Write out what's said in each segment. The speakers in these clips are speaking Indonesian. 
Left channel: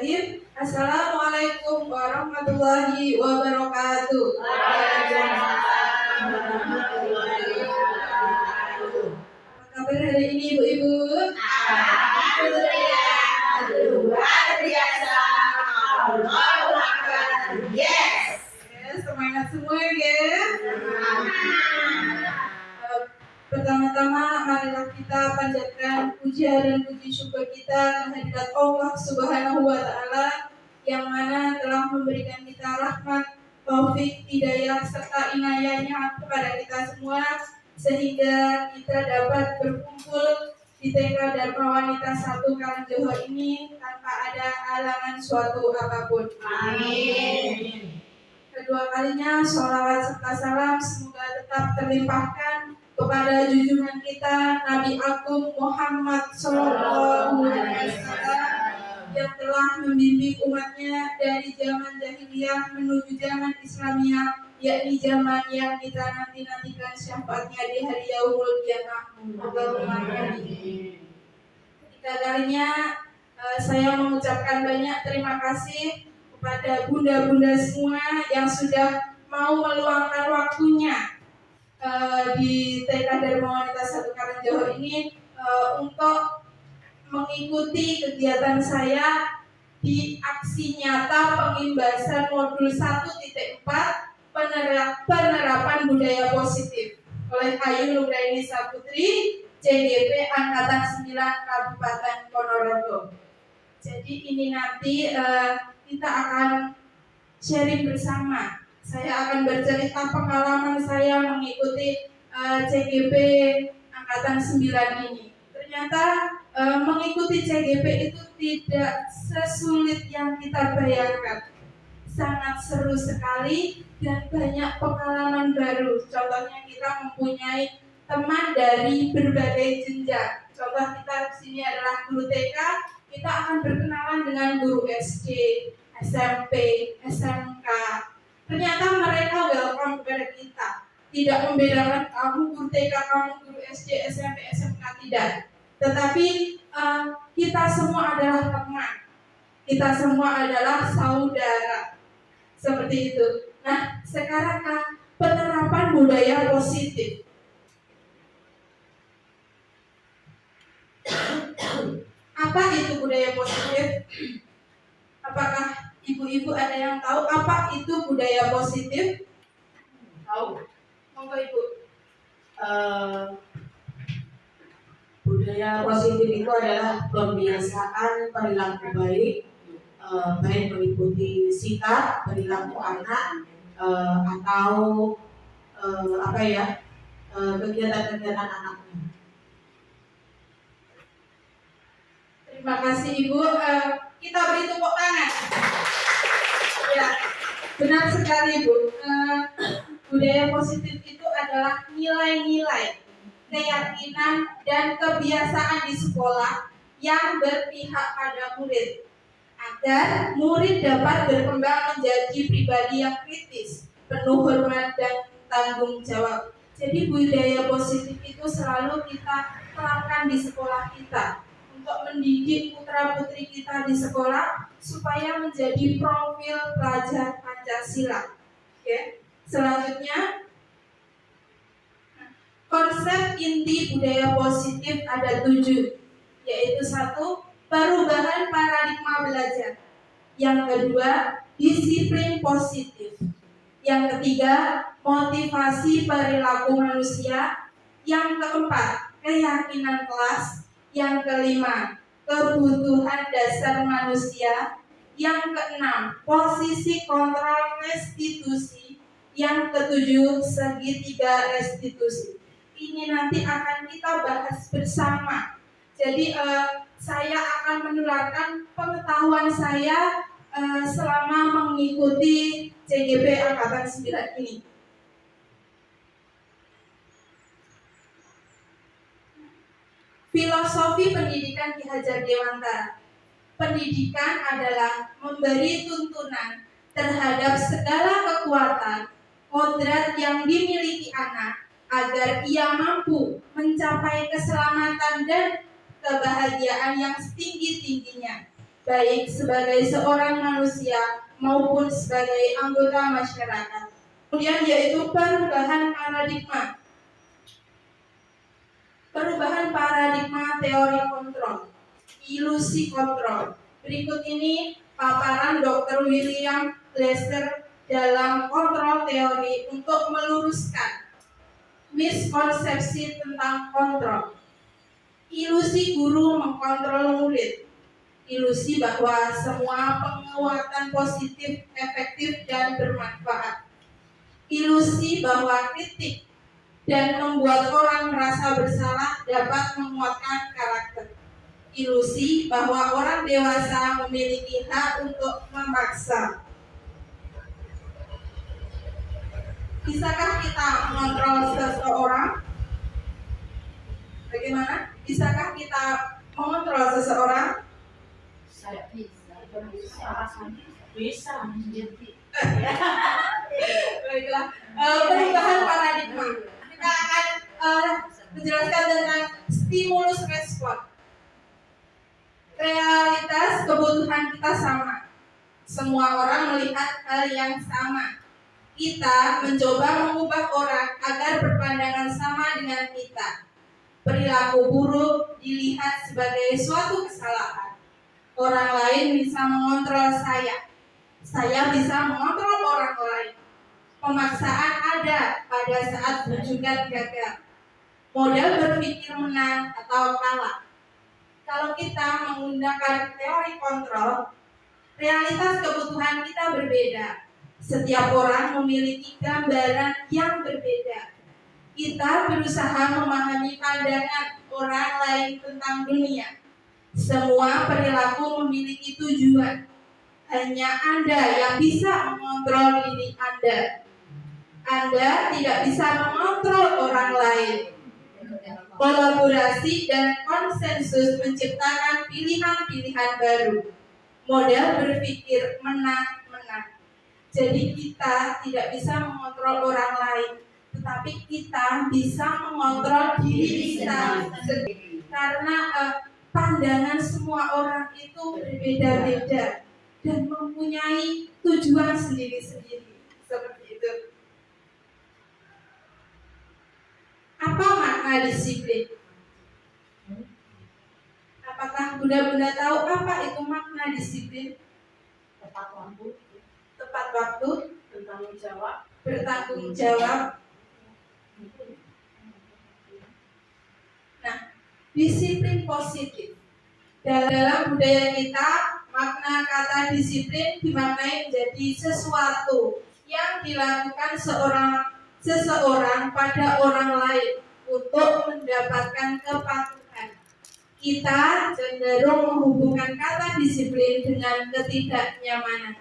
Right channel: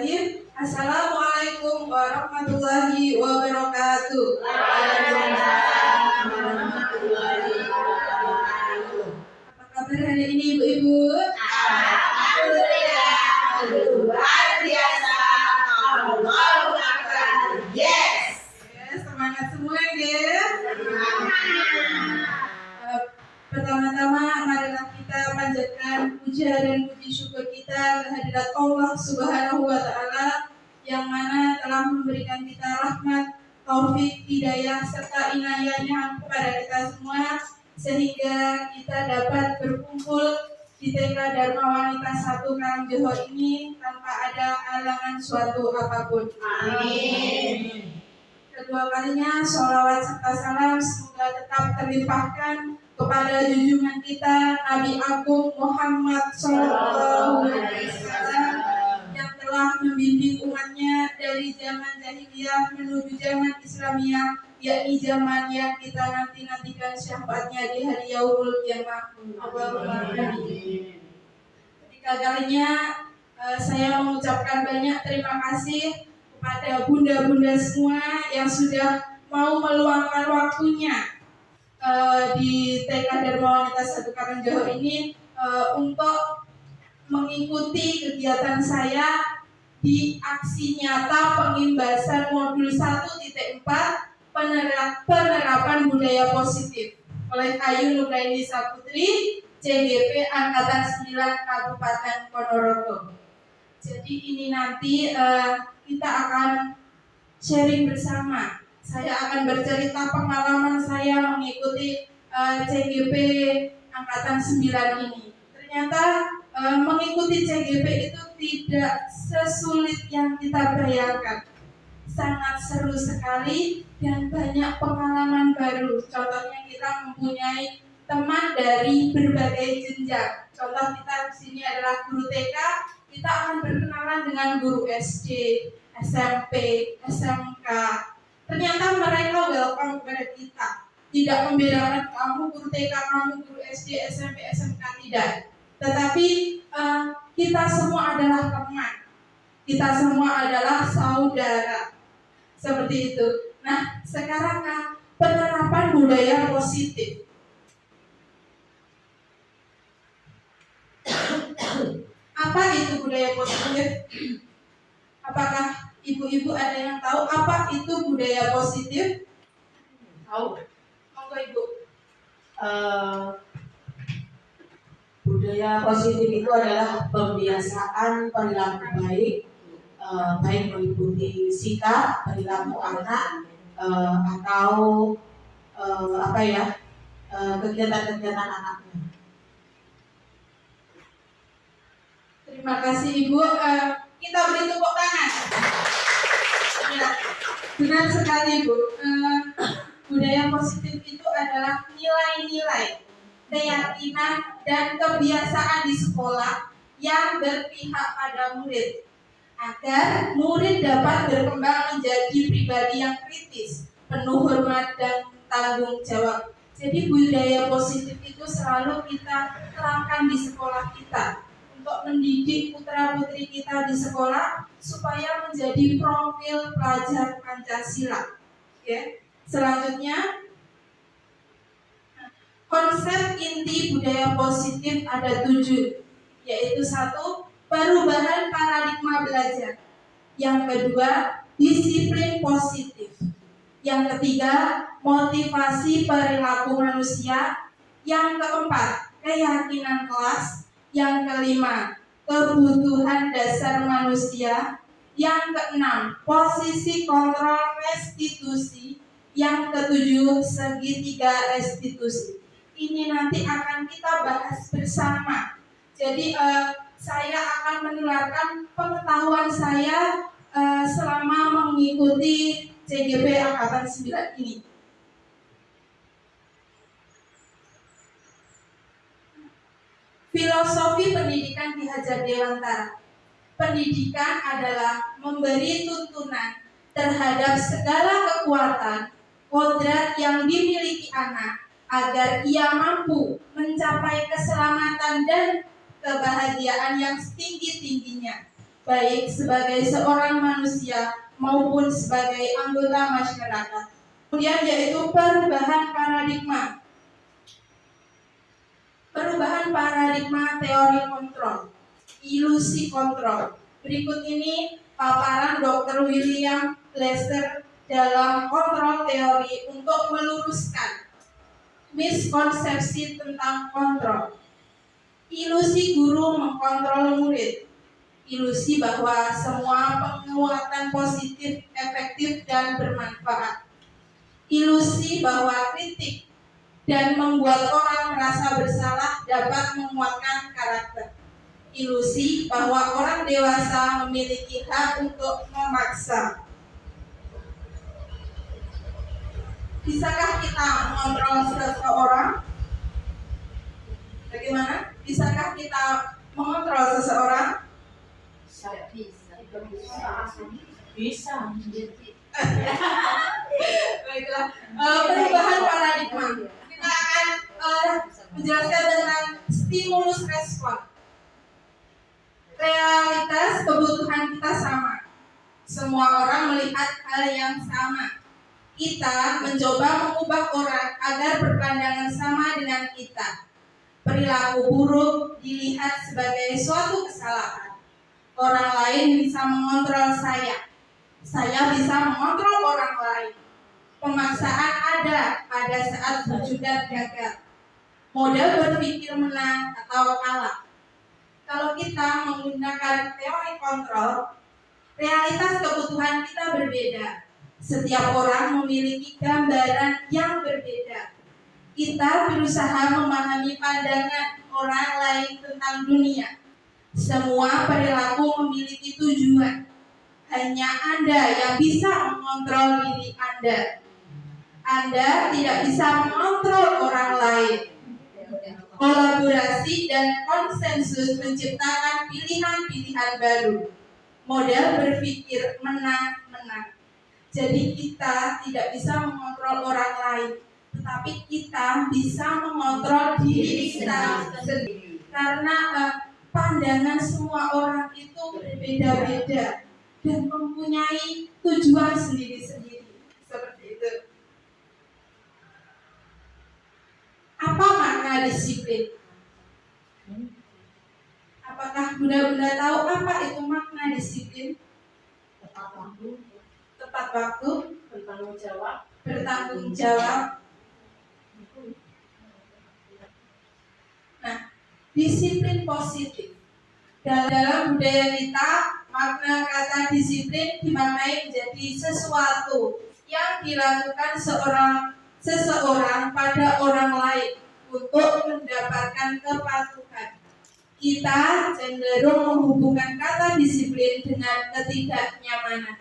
Bismillahirrahmanirrahim. Assalamualaikum warahmatullahi wabarakatuh. Waalaikumsalam warahmatullahi wabarakatuh. Apa kabar hari ini ibu-ibu? Alhamdulillah, luar biasa. Allahu Akbar. Yes. Semangat semua ya. Semangat. Pertama-tama marilah kita panjatkan puja dan puji syukur kita kehadirat Allah Subhanahu wa taala yang mana telah memberikan kita rahmat, taufik, hidayah serta inayahnya kepada kita semua sehingga kita dapat berkumpul di TK Dharma Wanita 1 Karangjoho ini tanpa ada halangan suatu apapun. Amin. Kedua kalinya sholawat serta salam semoga tetap terlimpahkan kepada junjungan kita Nabi Agung Muhammad Sallallahu Alaihi Wasallam yang telah membimbing umatnya dari zaman jahiliyah menuju zaman Islamiyah, yakni zaman yang kita nantikan syafaatnya di hari Yaumul Qiyamah. Allahumma amin. Ketiga kalinya saya mengucapkan banyak terima kasih kepada bunda-bunda semua yang sudah mau meluangkan waktunya di TK Dharma Wanita 1 Karangjoho ini untuk mengikuti kegiatan saya di aksi nyata pengimbasan modul 1.4 penerapan budaya positif oleh Ayu Nugraini Saputri CGP Angkatan 9 Kabupaten Ponorogo. Jadi ini nanti kita akan sharing bersama. Saya akan bercerita pengalaman saya mengikuti CGP Angkatan 9 ini. Ternyata mengikuti CGP itu tidak sesulit yang kita bayangkan. Sangat seru sekali dan banyak pengalaman baru. Contohnya kita mempunyai teman dari berbagai jenjang. Contoh kita di sini adalah guru TK, kita akan berkenalan dengan guru SD, SMP, SMK. Ternyata mereka welcome kepada kita. Tidak membedakan kamu guru TK, kamu guru SD, SMP, SMK, tidak. Tetapi kita semua adalah teman. Kita semua adalah saudara. Seperti itu. Nah, sekarang penerapan budaya positif. Apa itu budaya positif? Apakah ibu-ibu ada yang tahu apa itu budaya positif? Tahu. Monggo ibu. Budaya positif itu adalah pembiasaan perilaku baik, baik meliputi sikap, perilaku anak, atau kegiatan-kegiatan anaknya. Terima kasih ibu. Kita beri tepuk tangan. Ya, benar sekali ibu. Budaya positif itu adalah nilai-nilai, keyakinan dan kebiasaan di sekolah yang berpihak pada murid agar murid dapat berkembang menjadi pribadi yang kritis, penuh hormat dan tanggung jawab. Jadi budaya positif itu selalu kita terapkan di sekolah kita untuk mendidik putra-putri kita di sekolah supaya menjadi profil pelajar Pancasila. Oke. Selanjutnya, konsep inti budaya positif ada 7, yaitu 1, perubahan paradigma belajar. Yang kedua, disiplin positif. Yang ketiga, motivasi perilaku manusia. Yang keempat, keyakinan kelas. Yang kelima, kebutuhan dasar manusia. Yang keenam, posisi kontrol restitusi. Yang ketujuh, segitiga restitusi. Ini nanti akan kita bahas bersama. Jadi saya akan menularkan pengetahuan saya selama mengikuti CGP Angkatan 9 ini. Filosofi pendidikan Ki Hajar Dewantara. Pendidikan adalah memberi tuntunan terhadap segala kekuatan, kodrat yang dimiliki anak agar ia mampu mencapai keselamatan dan kebahagiaan yang setinggi-tingginya, baik sebagai seorang manusia maupun sebagai anggota masyarakat. Kemudian yaitu perubahan paradigma. Perubahan paradigma teori kontrol, ilusi kontrol. Berikut ini paparan Dr. William Glasser dalam kontrol teori untuk meluruskan miskonsepsi tentang kontrol. Ilusi guru mengkontrol murid. Ilusi bahwa semua penguatan positif, efektif, dan bermanfaat. Ilusi bahwa kritik dan membuat orang merasa bersalah dapat menguatkan karakter. Ilusi bahwa orang dewasa memiliki hak untuk memaksa. Bisakah kita mengontrol seseorang? Bagaimana? Bisakah kita mengontrol seseorang? Saya bisa. Bisa. Baiklah, perubahan paradigma. Kita akan menjelaskan tentang stimulus respon. Realitas kebutuhan kita sama. Semua orang melihat hal yang sama. Kita mencoba mengubah orang agar berpandangan sama dengan kita. Perilaku buruk dilihat sebagai suatu kesalahan. Orang lain bisa mengontrol saya. Saya bisa mengontrol orang lain. Pemaksaan ada pada saat berjugat gagal. Model berpikir menang atau kalah. Kalau kita menggunakan teori kontrol, realitas kebutuhan kita berbeda. Setiap orang memiliki gambaran yang berbeda. Kita berusaha memahami pandangan orang lain tentang dunia. Semua perilaku memiliki tujuan. Hanya Anda yang bisa mengontrol diri Anda. Anda tidak bisa mengontrol orang lain. Kolaborasi dan konsensus menciptakan pilihan-pilihan baru. Model berpikir menang-menang. Jadi kita tidak bisa mengontrol orang lain, tetapi kita bisa mengontrol diri kita sendiri. Karena pandangan semua orang itu berbeda-beda dan mempunyai tujuan sendiri-sendiri. Seperti itu. Apa makna disiplin? Apakah Bunda-bunda tahu apa itu makna disiplin? Tepat waktu. Tepat waktu, Bertanggung jawab. bertanggung jawab. Nah, disiplin positif. Dalam budaya kita, makna kata disiplin dimaknai menjadi sesuatu yang dilakukan seseorang pada orang lain untuk mendapatkan kepatuhan. Kita cenderung menghubungkan kata disiplin dengan ketidaknyamanan.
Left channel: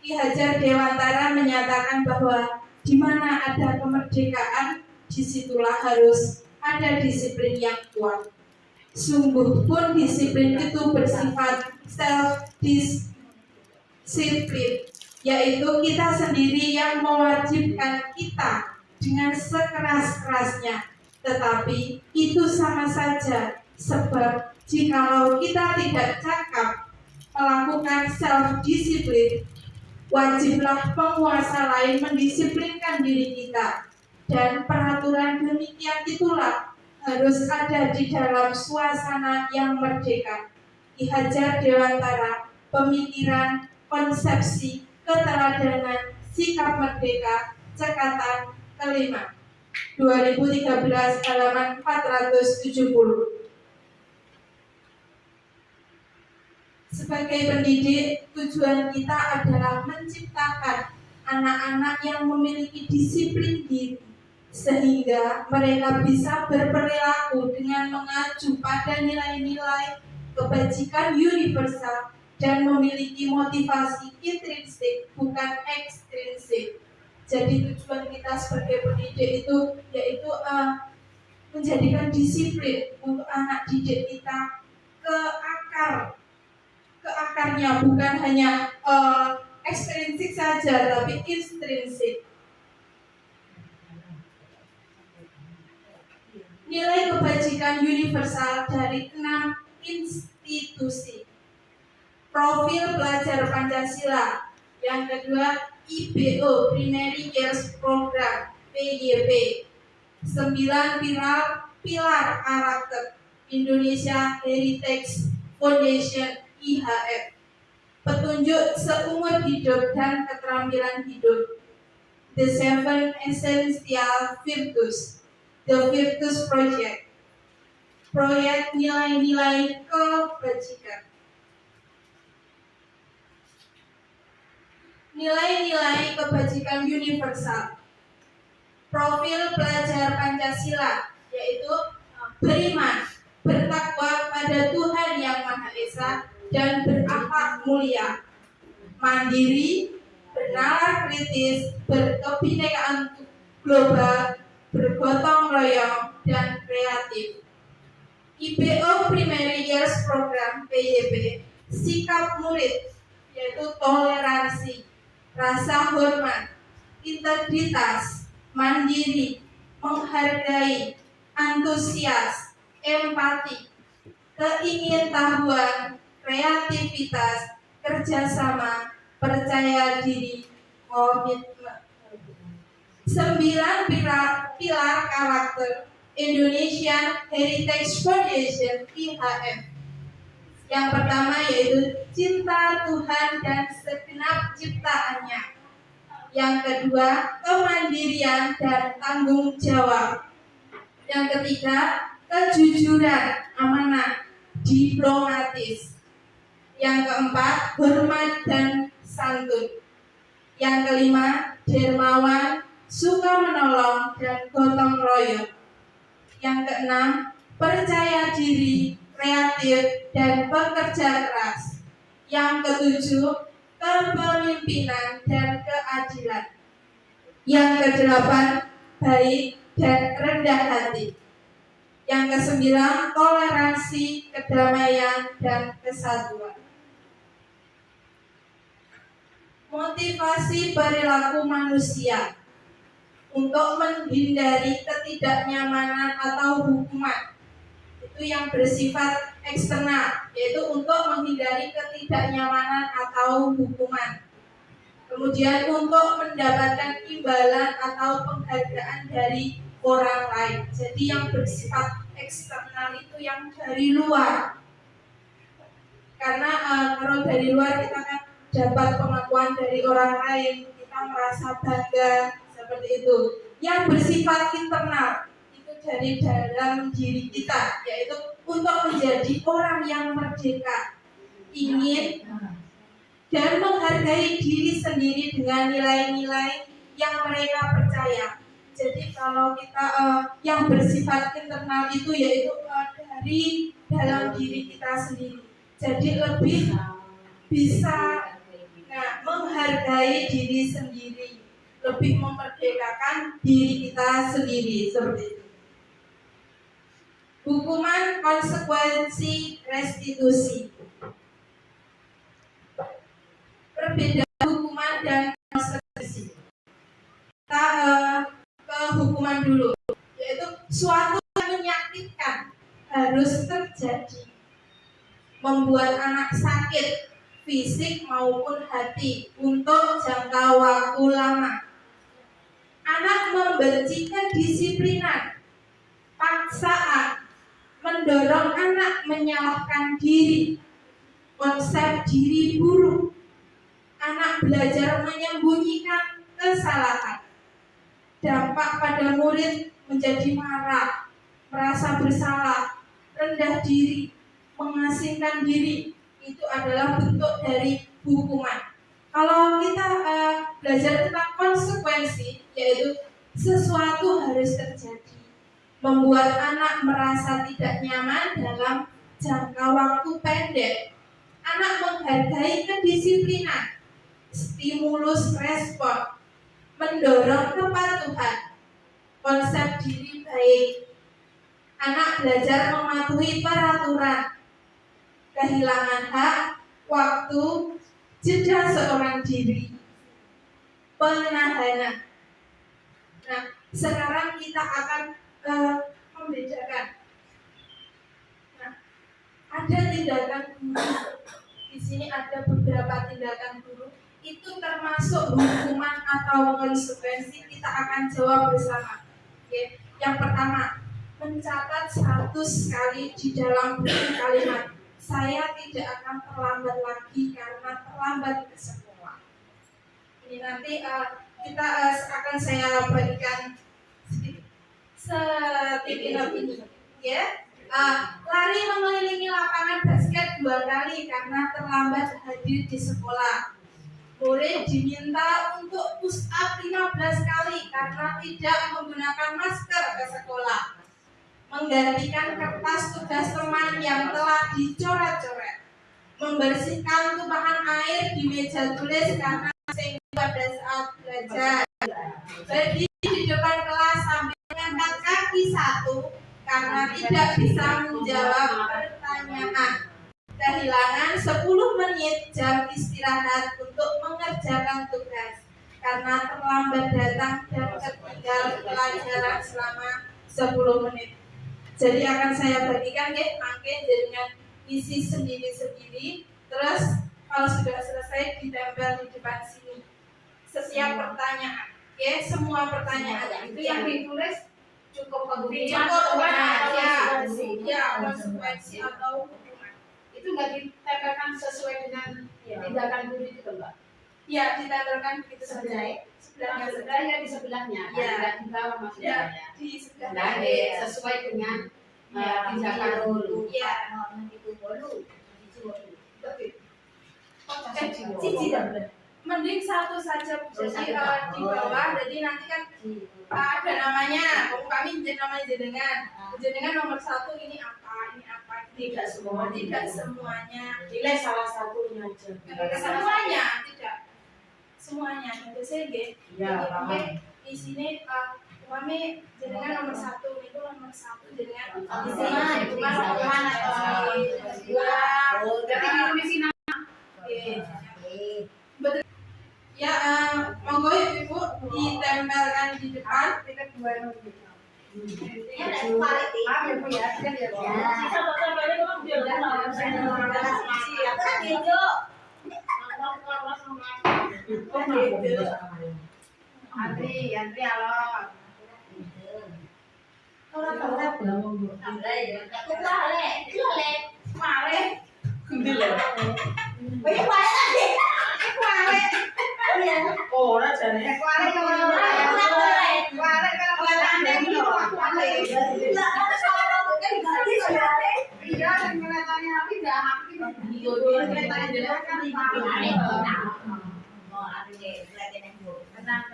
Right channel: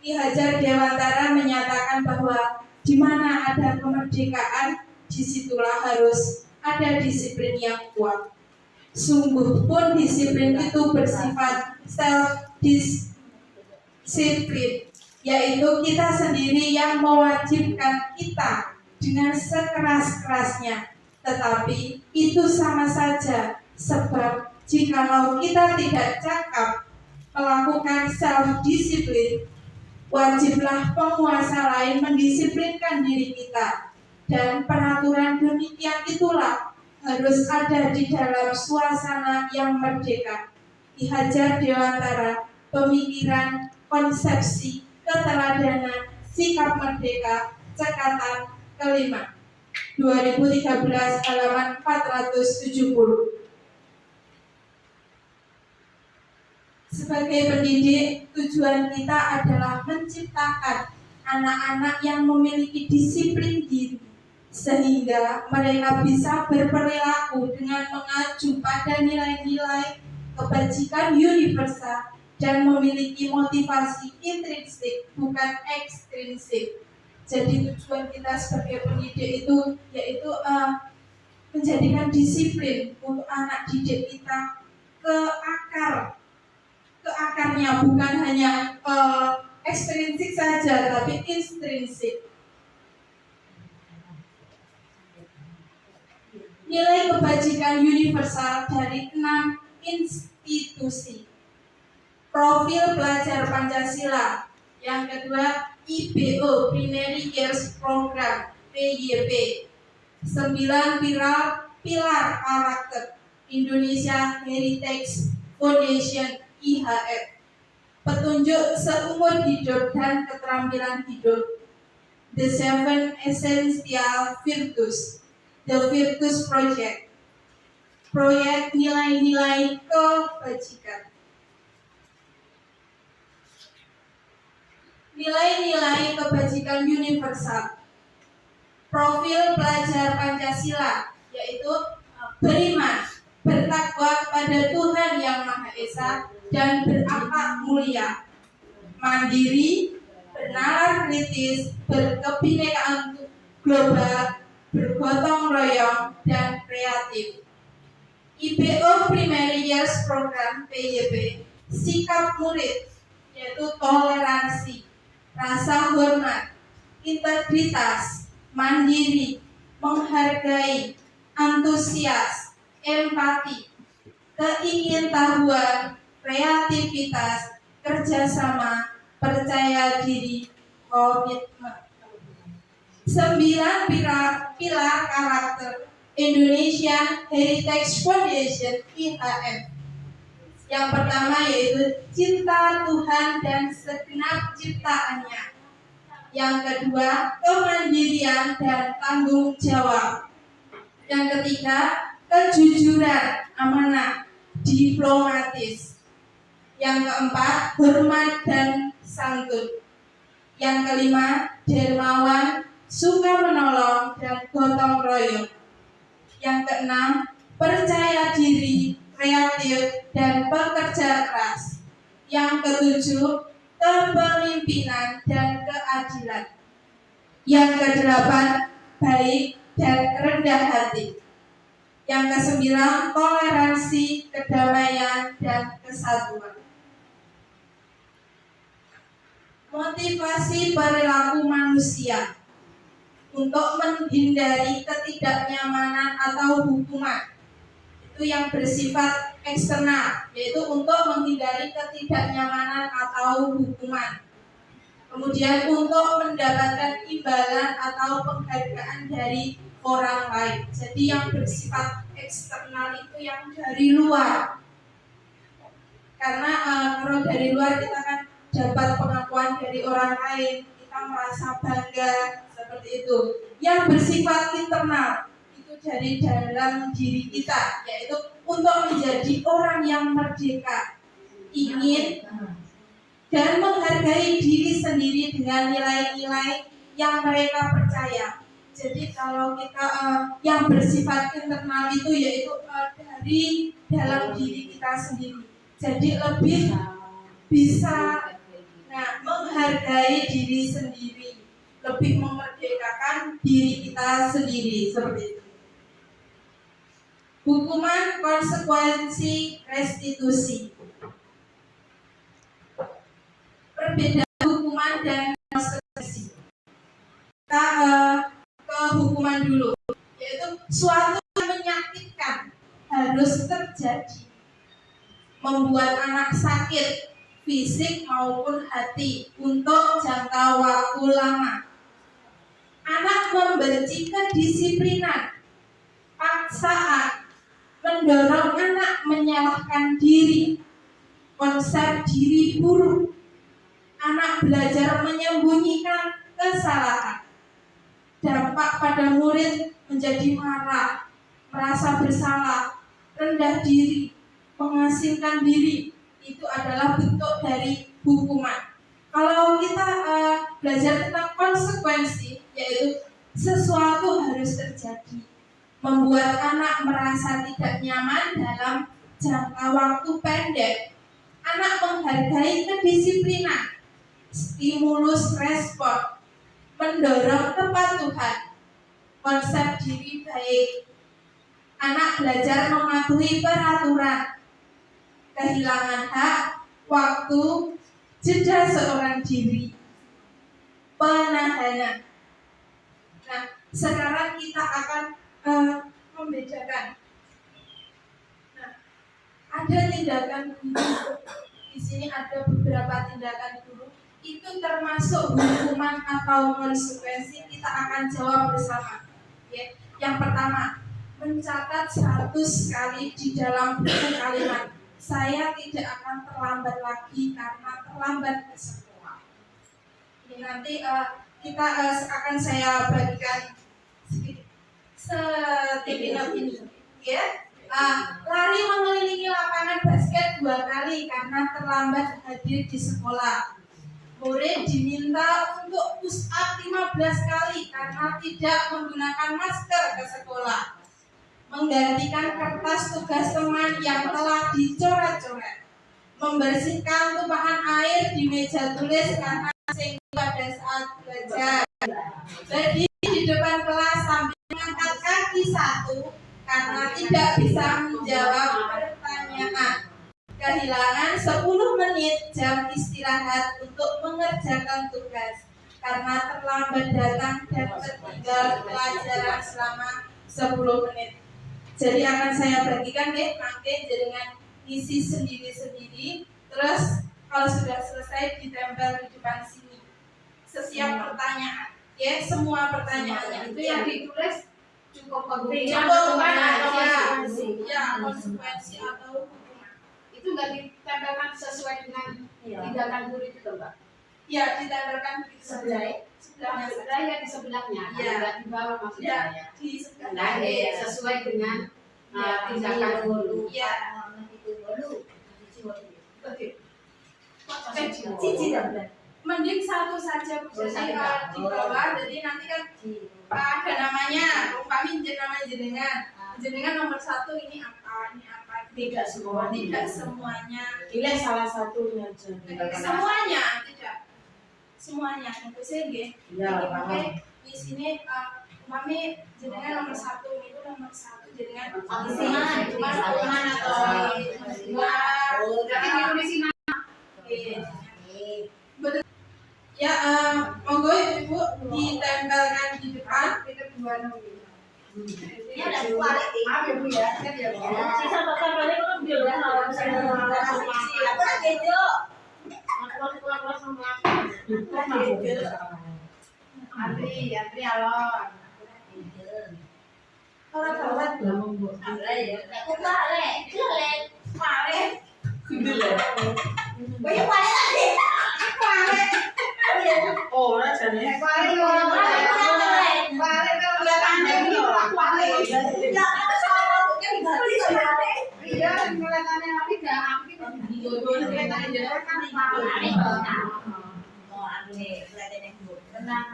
Ki Hajar Dewantara menyatakan bahwa di mana ada kemerdekaan, disitulah harus ada disiplin yang kuat. Sungguh pun disiplin itu bersifat self-disiplin, yaitu kita sendiri yang mewajibkan kita dengan sekeras-kerasnya. Tetapi itu sama saja, sebab jikalau kita tidak cakap melakukan self-disiplin, wajiblah penguasa lain mendisiplinkan diri kita. Dan peraturan demikian itulah harus ada di dalam suasana yang merdeka. Ki Hajar Dewantara, Pemikiran, Konsepsi, Keteladanan, Sikap Merdeka, Cekatan kelima, 2013 halaman 470. Sebagai pendidik, tujuan kita adalah menciptakan anak-anak yang memiliki disiplin diri, sehingga mereka bisa berperilaku dengan mengacu pada nilai-nilai kebajikan universal dan memiliki motivasi intrinsik, bukan ekstrinsik. Jadi tujuan kita sebagai pendidik itu yaitu menjadikan disiplin untuk anak didik kita ke akarnya, bukan hanya ekstrinsik saja, tapi intrinsik. Nilai kebajikan universal dari 6 institusi. profil pelajar Pancasila. Yang kedua, IBO Primary Years Program PYP. 9 pilar karakter Indonesia Heritage Foundation IHF. Petunjuk seumur hidup dan keterampilan hidup. The Seven Essential Virtues. The Virtues Project. Proyek nilai-nilai kebajikan. Nilai-nilai kebajikan universal. Profil pelajar Pancasila, yaitu beriman, bertakwa pada Tuhan Yang Maha Esa dan berakhlak mulia, mandiri, bernalar kritis, berkebinekaan global, bergotong royong, dan kreatif. IBO Primary Years Program PYP, sikap murid, yaitu toleransi, rasa hormat, integritas, mandiri, menghargai, antusias, empati, keingintahuan, kreativitas, kerjasama, percaya diri, komitmen. 9 pilar karakter Indonesian Heritage Foundation IHF. Yang pertama yaitu cinta Tuhan dan segenap ciptaannya. Yang kedua, kemandirian dan tanggung jawab. Yang ketiga, kejujuran, amanah, diplomatis. Yang keempat, hormat dan santun. Yang kelima, dermawan, suka menolong, dan gotong royong. Yang keenam, percaya diri, kreatif, dan pekerja keras. Yang ketujuh, kepemimpinan dan keadilan. Yang kedelapan, baik dan rendah hati. Yang kesembilan, toleransi, kedamaian, dan kesatuan. Motivasi perilaku manusia untuk menghindari ketidaknyamanan atau hukuman. Itu yang bersifat eksternal, yaitu untuk menghindari ketidaknyamanan atau hukuman. Kemudian untuk mendapatkan imbalan atau penghargaan dari orang lain. Jadi yang bersifat eksternal itu yang dari luar. Karena kalau dari luar kita kan dapat pengakuan dari orang lain, kita merasa bangga seperti itu. Yang bersifat internal itu dari dalam diri kita, yaitu untuk menjadi orang yang merdeka, ingin dan menghargai diri sendiri dengan nilai-nilai yang mereka percaya. Jadi kalau kita yang bersifat internal itu yaitu dari dalam diri kita sendiri. Jadi lebih bisa menghargai diri sendiri, lebih memerdekakan diri kita sendiri seperti itu. Hukuman, konsekuensi, restitusi. Perbedaan hukuman dan konsekuensi. Kita ke hukuman dulu, yaitu suatu yang menyakitkan harus terjadi, membuat anak sakit fisik maupun hati untuk jangka waktu lama. Anak membenci kedisiplinan, paksaan, mendorong anak menyalahkan diri, konsep diri buruk. Anak belajar menyembunyikan kesalahan. Dampak pada murid menjadi marah, merasa bersalah, rendah diri, mengasingkan diri. Itu adalah bentuk dari hukuman. Kalau kita belajar tentang konsekuensi, yaitu sesuatu harus terjadi, membuat anak merasa tidak nyaman dalam jangka waktu pendek. Anak menghargai kedisiplinan, stimulus respon, mendorong kepatuhan, konsep diri baik. Anak belajar mematuhi peraturan, kehilangan hak, waktu, jeda seorang diri, penahanan. Nah, sekarang kita akan membedakan. Nah, ada tindakan guru di sini ada beberapa tindakan guru, itu termasuk hukuman atau konsekuensi, kita akan jawab bersama. Oke. Yang pertama, mencatat 100 kali di dalam buku kalimat, saya tidak akan terlambat lagi karena terlambat ke sekolah. Ini nanti kita akan saya bagikan sedikit setipinot ini, ya. Lari mengelilingi lapangan basket 2 kali karena terlambat hadir di sekolah. Murid diminta untuk push up 15 kali karena tidak menggunakan masker ke sekolah. Menggantikan kertas tugas teman yang telah dicoret-coret. Membersihkan tumpahan air di meja tulis karena singgung pada saat belajar. Berdiri di depan kelas sambil mengangkat kaki 1 karena tidak bisa menjawab pertanyaan. Kehilangan 10 menit jam istirahat untuk mengerjakan tugas karena terlambat datang dan tertinggal pelajaran selama 10 menit. Jadi akan saya bagikan mangke dengan isi sendiri-sendiri. Terus kalau sudah selesai ditempel di depan sini. Setiap pertanyaan, semua pertanyaan Itu yang ditulis cukup pembuktian ya, konsekuensi atau hukuman. Itu nggak ditempelkan sesuai dengan tindakan guru itu toh, Mbak? Ya, ditempelkan begitu saja. Sebelahnya saja ya, di sebelahnya, kan Ya. tidak di bawah maksudnya Ya, ya. di sebelah. Nah, sesuai dengan tindakan guru. Ya. Mending 1 saja Bu. Jadi di bawah, jadi nanti kan ada namanya, kami namanya jenengan nomor 1 ini apa, Tidak semua. tidak semuanya. Nilai salah satunya aja. Semuanya tidak. Semuanya untuk saya nggih. Ya, Oke, di sini kami jenengan nomor 1 itu nomor 1 jenengan cuma hukuman atau dua. Jadi ditulis nama. Betul. Ya, monggo Ibu ditempelkan di depan. Kita dua nomor. Ini ada kualitas. Maaf ya Bu ya, siap ya Bu. Sisa tempelnya kan biar Aku kan gitu. Antri alon. Orang telat. Aku lale, lale. Male. Banyak banget tadi. Orang jadinya Ya, tapi soal bukan gratis ya. Iya, dan kelihatannya tapi dah aku ini kelihatannya jelas kan Oh, aku nih, kelihatan yang buruk. tenang.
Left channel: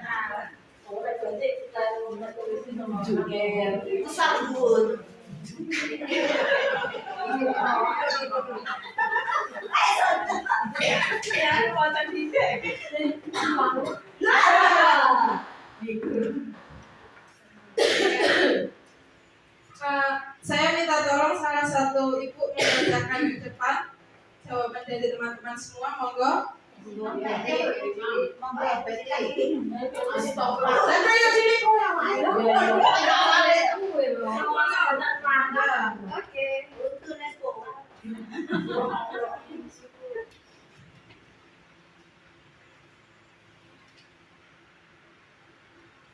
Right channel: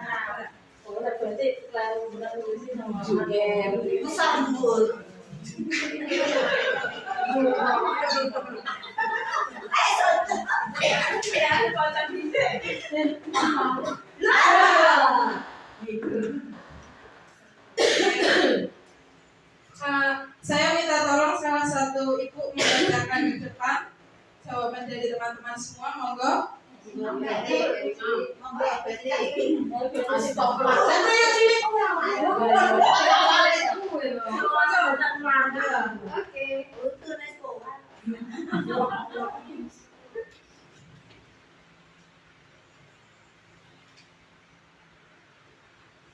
orang berarti kalau udah tulisin sama Itu sambul. Saya minta tolong salah satu ibu membacakan di depan jawaban dari teman-teman semua, monggo. Oke.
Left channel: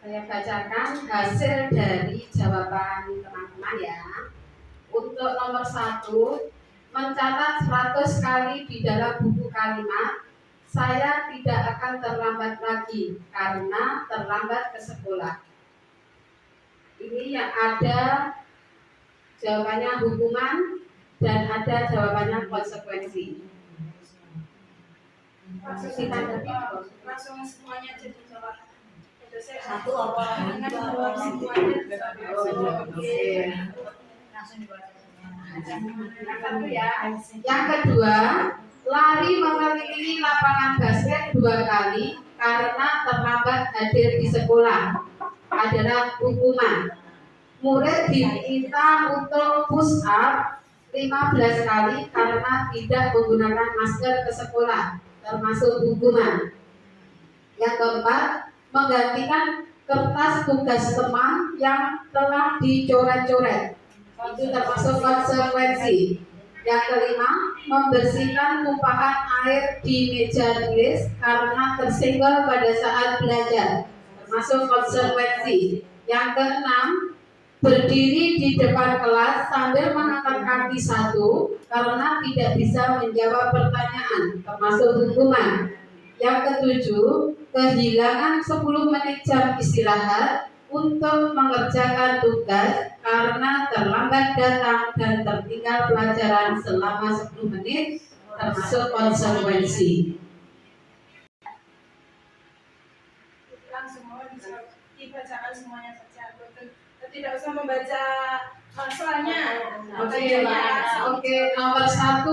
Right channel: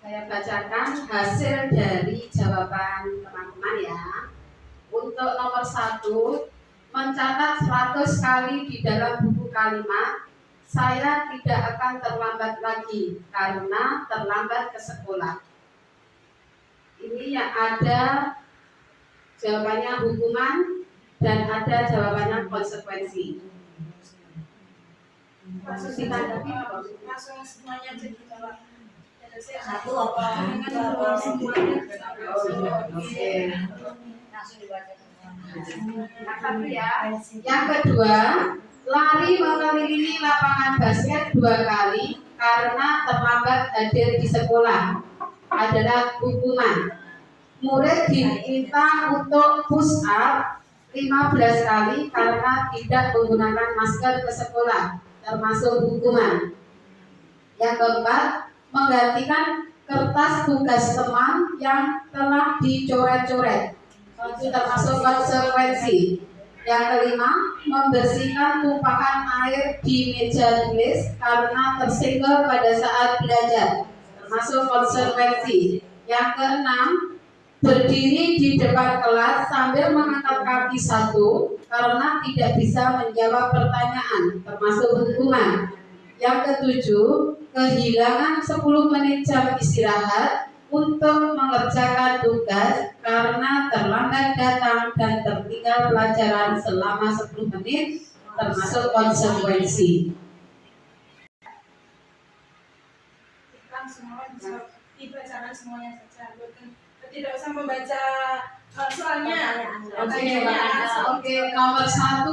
Saya bacakan hasil dari jawaban teman-teman ya. Untuk nomor 1, mencatat 100 kali di dalam buku kalimat, saya tidak akan terlambat lagi karena terlambat ke sekolah. Ini yang ada jawabannya hukuman dan ada jawabannya konsekuensi. Langsung ditanggapi, langsung semuanya jadi jawab. Satu apa? Dengan jawab semuanya. Langsung dibaca. Yang satu ya. Yang kedua, lari mengelilingi lapangan basket 2 kali karena terlambat hadir di sekolah adalah hukuman. Murid diminta untuk push up 15 kali karena tidak menggunakan masker ke sekolah, termasuk hukuman. Yang keempat, menggantikan kertas tugas teman yang telah dicoret-coret, itu termasuk konsekuensi. Yang kelima, membersihkan tumpahan air di meja tulis karena tersenggol pada saat belajar, termasuk konsekuensi. Yang keenam, berdiri di depan kelas sambil mengangkat kaki satu karena tidak bisa menjawab pertanyaan, termasuk hukuman. Yang ketujuh, kehilangan 10 menit jam istirahat untuk mengerjakan tugas karena terlambat datang dan tertinggal pelajaran selama 10 menit, termasuk konsekuensi. Langsung bisa dibacakan semuanya saja. Tidak usah membaca soalnya. Oke, nomor 1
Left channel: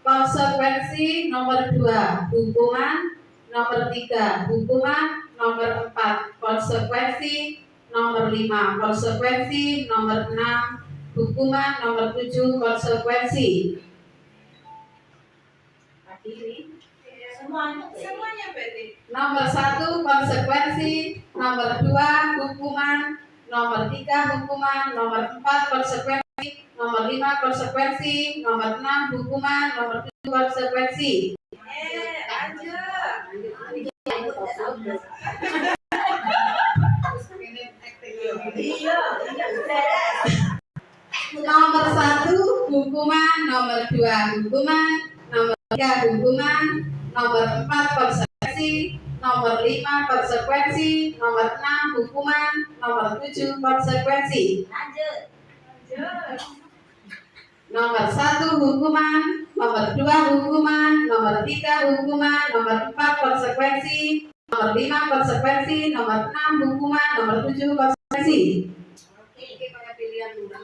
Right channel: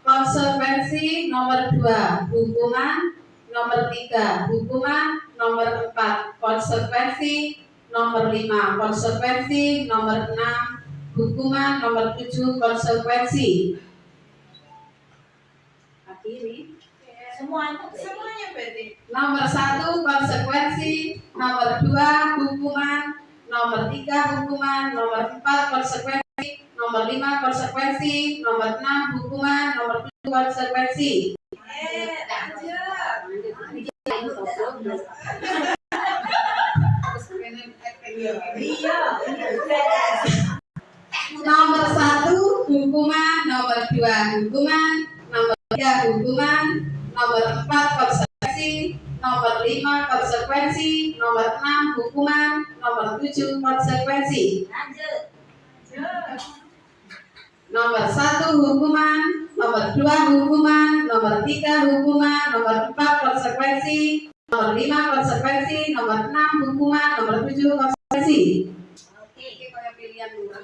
konsekuensi, nomor 2 hukuman, nomor 3 hukuman, nomor 4 konsekuensi, nomor 5 konsekuensi, nomor 6 hukuman, nomor 7 konsekuensi. Akhiri. Semuanya berarti. Nomor 1 konsekuensi, nomor 2 hukuman, nomor 3 hukuman, nomor 4 konsekuensi, nomor 5 konsekuensi, nomor 6 hukuman, nomor 7 konsekuensi. Nomor 1 hukuman, nomor 2 hukuman, nomor 3 hukuman, nomor 4 konsekuensi, nomor 5 konsekuensi, nomor 6 hukuman, nomor 7 konsekuensi. Nomor 1 hukuman, nomor 2 hukuman, nomor 3 hukuman, nomor 4 konsekuensi, nomor 5 konsekuensi, nomor 6 hukuman, nomor 7 konsekuensi. Oke, kayak pilihan murah.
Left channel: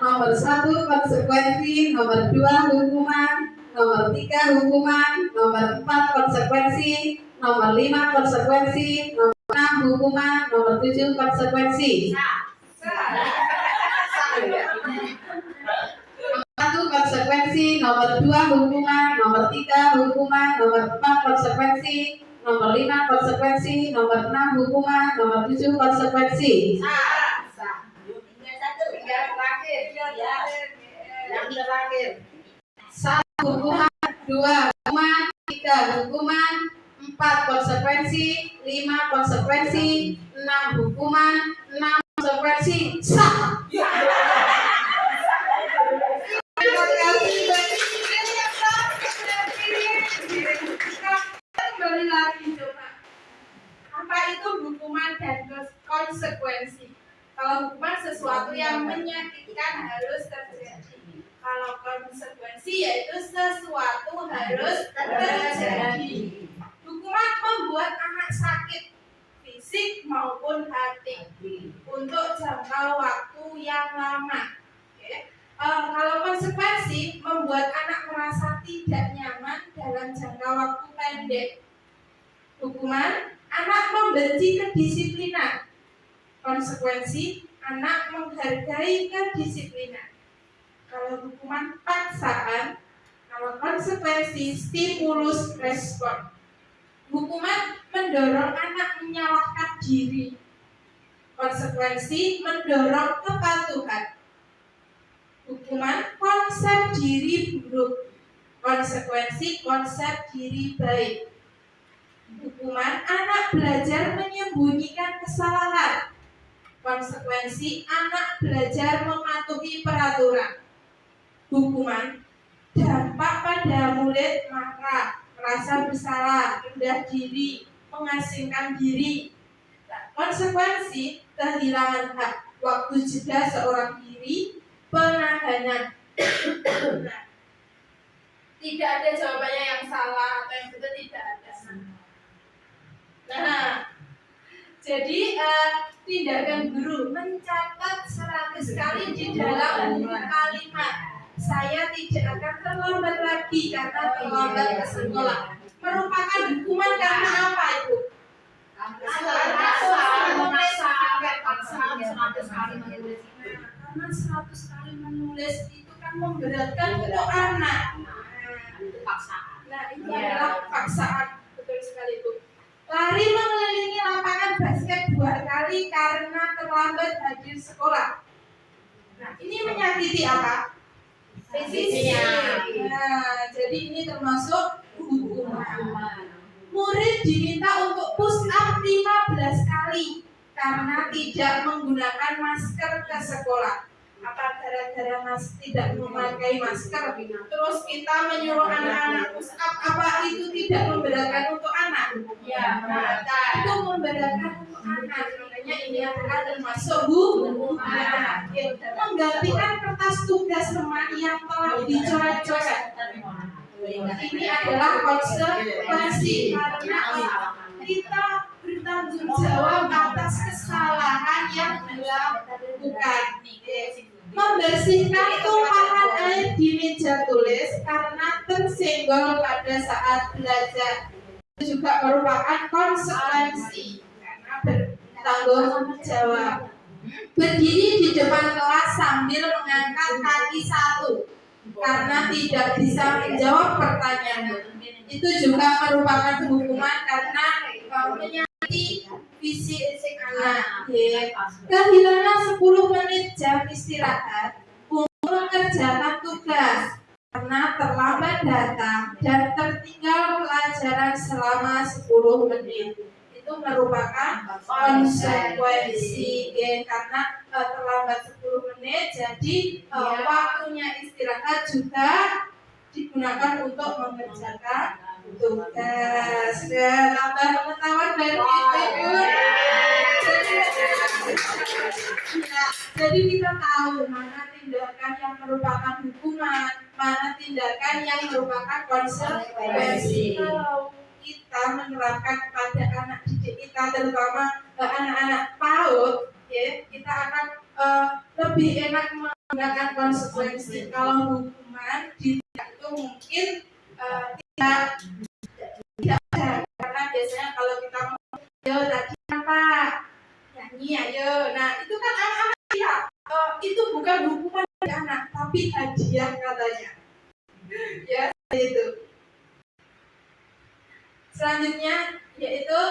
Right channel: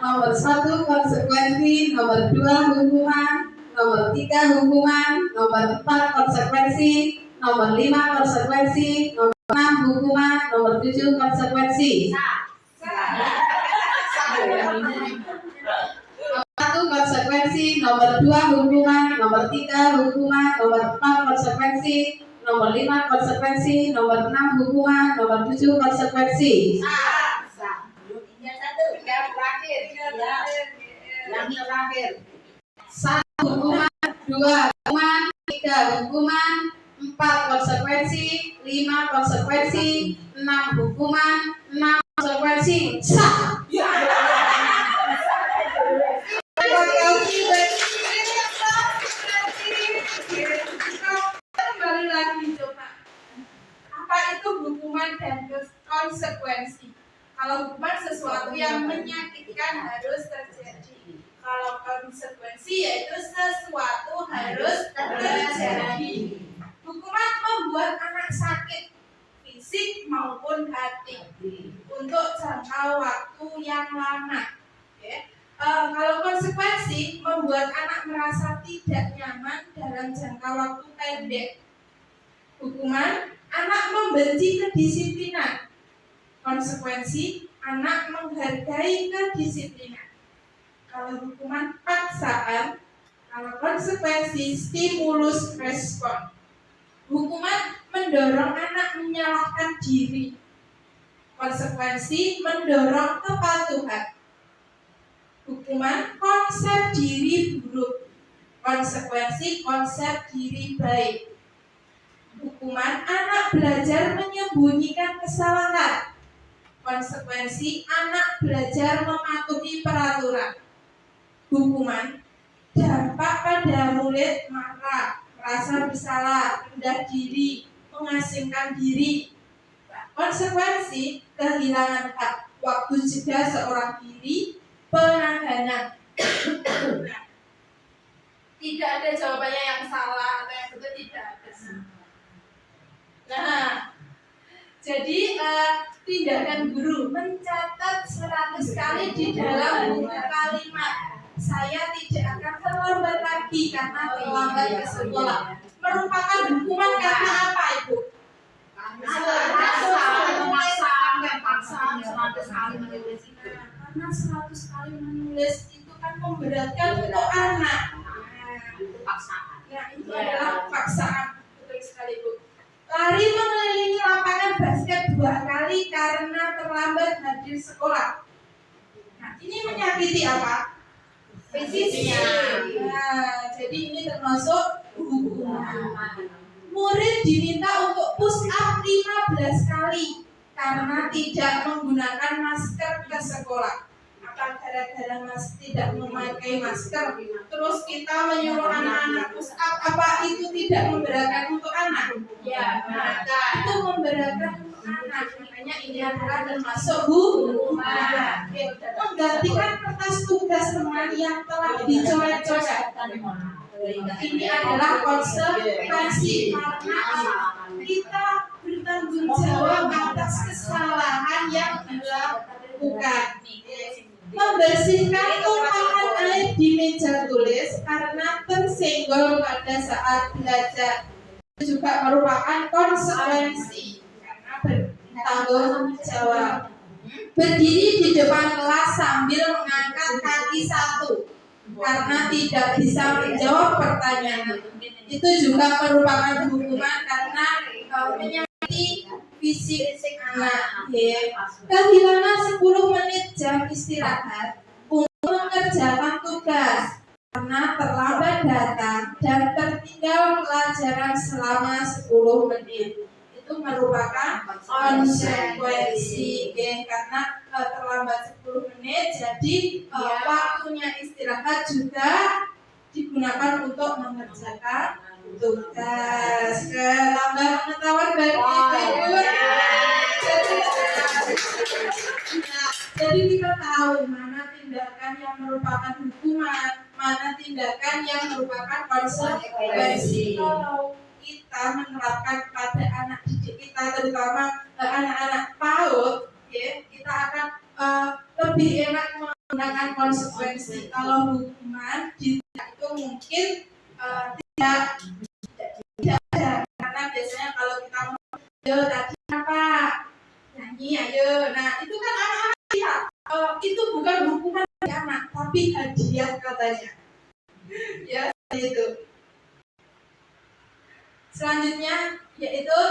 Nomor 1 konsekuensi, nomor 2 hukuman, nomor 3 hukuman, nomor 4 konsekuensi, nomor 5 konsekuensi, nomor 6 hukuman, nomor 7 konsekuensi. Nomor 1 konsekuensi, nomor 2 hukuman, nomor 3 hukuman, nomor 4 konsekuensi, nomor 5 konsekuensi, nomor 6 hukuman, nomor 7 konsekuensi. Yang terakhir. 1 hukuman, 2 hukuman, 3 hukuman, 4 konsekuensi, 5 konsekuensi, 6 hukuman, 6 konsekuensi. Sah. Kembali lagi coba. Apa itu hukuman dan konsekuensi? Kalau hukuman sesuatu yang menyakitkan harus terjadi. Kalau konsekuensi yaitu sesuatu harus terjadi. Hukuman membuat anak sakit fisik maupun hati untuk jangka waktu yang lama. Kalau konsekuensi membuat anak merasa tidak nyaman dalam jangka waktu pendek. Hukuman, anak membenci kedisiplinan. Konsekuensi, anak menghargai kedisiplinan. Kalau hukuman paksaan, kalau konsekuensi stimulus respon. Hukuman mendorong anak menyalahkan diri. Konsekuensi mendorong kepatuhan. Hukuman konsep diri buruk. Konsekuensi konsep diri baik. Hukuman anak belajar menyembunyikan kesalahan. Konsekuensi anak belajar mematuhi peraturan. Hukuman dampak pada murid marah, merasa bersalah, rendah diri, mengasingkan diri. Konsekuensi kehilangan hak, waktu jeda seorang diri, penahanan. Nah, tidak ada jawabannya yang salah atau yang betul, tidak ada. Nah, jadi tindakan guru mencatat 100 kali di dalam buku kalimat. Saya tidak akan terlambat lagi karena terlambat ke sekolah. Merupakan hukuman karena apa, Ibu? Karena 100 kali menulis itu kan memberatkan untuk anak. Nah, itu adalah paksaan. Betul sekali, Bu. Lari mengelilingi lapangan basket 2 kali karena terlambat hadir sekolah. Nah, Ini menyakiti apa? Fisik. Nah, jadi ini termasuk hukuman. Murid diminta untuk push up 15 kali karena tidak menggunakan masker ke sekolah. Apa gara-gara tidak memakai masker terus kita menyuruh anak-anak push up, apa itu tidak memberatkan untuk anak? Ya, memberatkan. Itu memberatkan untuk anak, makanya ini adalah termasuk hukuman. Menggantikan kertas tugas teman yang telah dicoret-coret. Ini adalah konsekuensi karena kita bertanggung jawab atas kesalahan yang dilakukan. Membersihkan tumpahan air di meja tulis karena tersenggol pada saat belajar itu juga merupakan konsekuensi karena bertanggung jawab. Berdiri di depan kelas sambil mengangkat kaki satu karena tidak bisa menjawab pertanyaan itu juga merupakan hukuman karena menyakiti fisik anak. Kehilangan 10 menit jam istirahat untuk mengerjakan tugas karena terlambat datang dan tertinggal pelajaran selama 10 menit itu merupakan konsekuensi karena terlambat 10 menit jadi waktunya istirahat juga digunakan untuk mengerjakan tugas. Tambah pengetahuan baru ibu-ibu. Jadi kita tahu mana tindakan yang merupakan hukuman, mana tindakan yang merupakan konsekuensi. Kalau kita menerapkan pada anak didik kita, terutama anak-anak PAUD, kita akan lebih enak menggunakan konsekuensi. Kalau hukuman itu mungkin tidak ada, karena biasanya kalau kita mau tadi apa nyanyi ayo, nah itu kan anak-anak lihat itu bukan hukuman bagi anak tapi hadiah katanya ya itu. Selanjutnya yaitu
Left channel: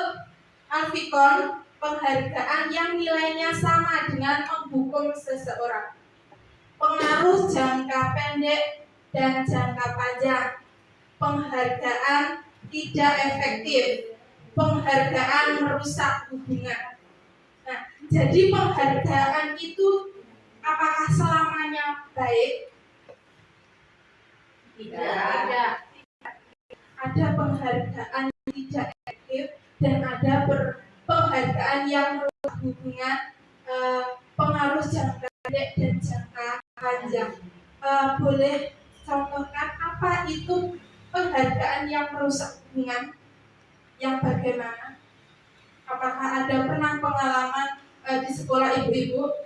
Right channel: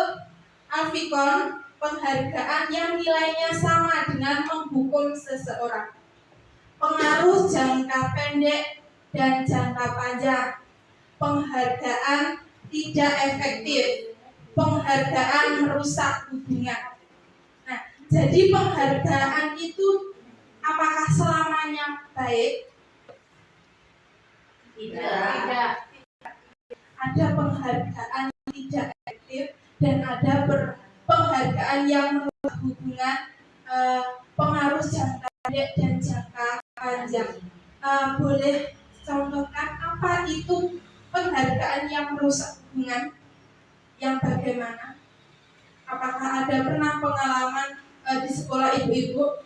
Alfikon, penghargaan yang nilainya sama dengan menghukum seseorang. Pengaruh jangka pendek dan jangka panjang. Penghargaan tidak efektif. Penghargaan merusak hubungan. Nah, jadi penghargaan itu apakah selamanya baik? Tidak. Ada penghargaan yang tidak efektif dan ada penghargaan yang merusak hubungan, pengaruh jangka pendek dan jangka panjang. Boleh contohkan apa itu penghargaan yang merusak hubungan? Yang bagaimana? Apakah ada pernah pengalaman di sekolah ibu-ibu?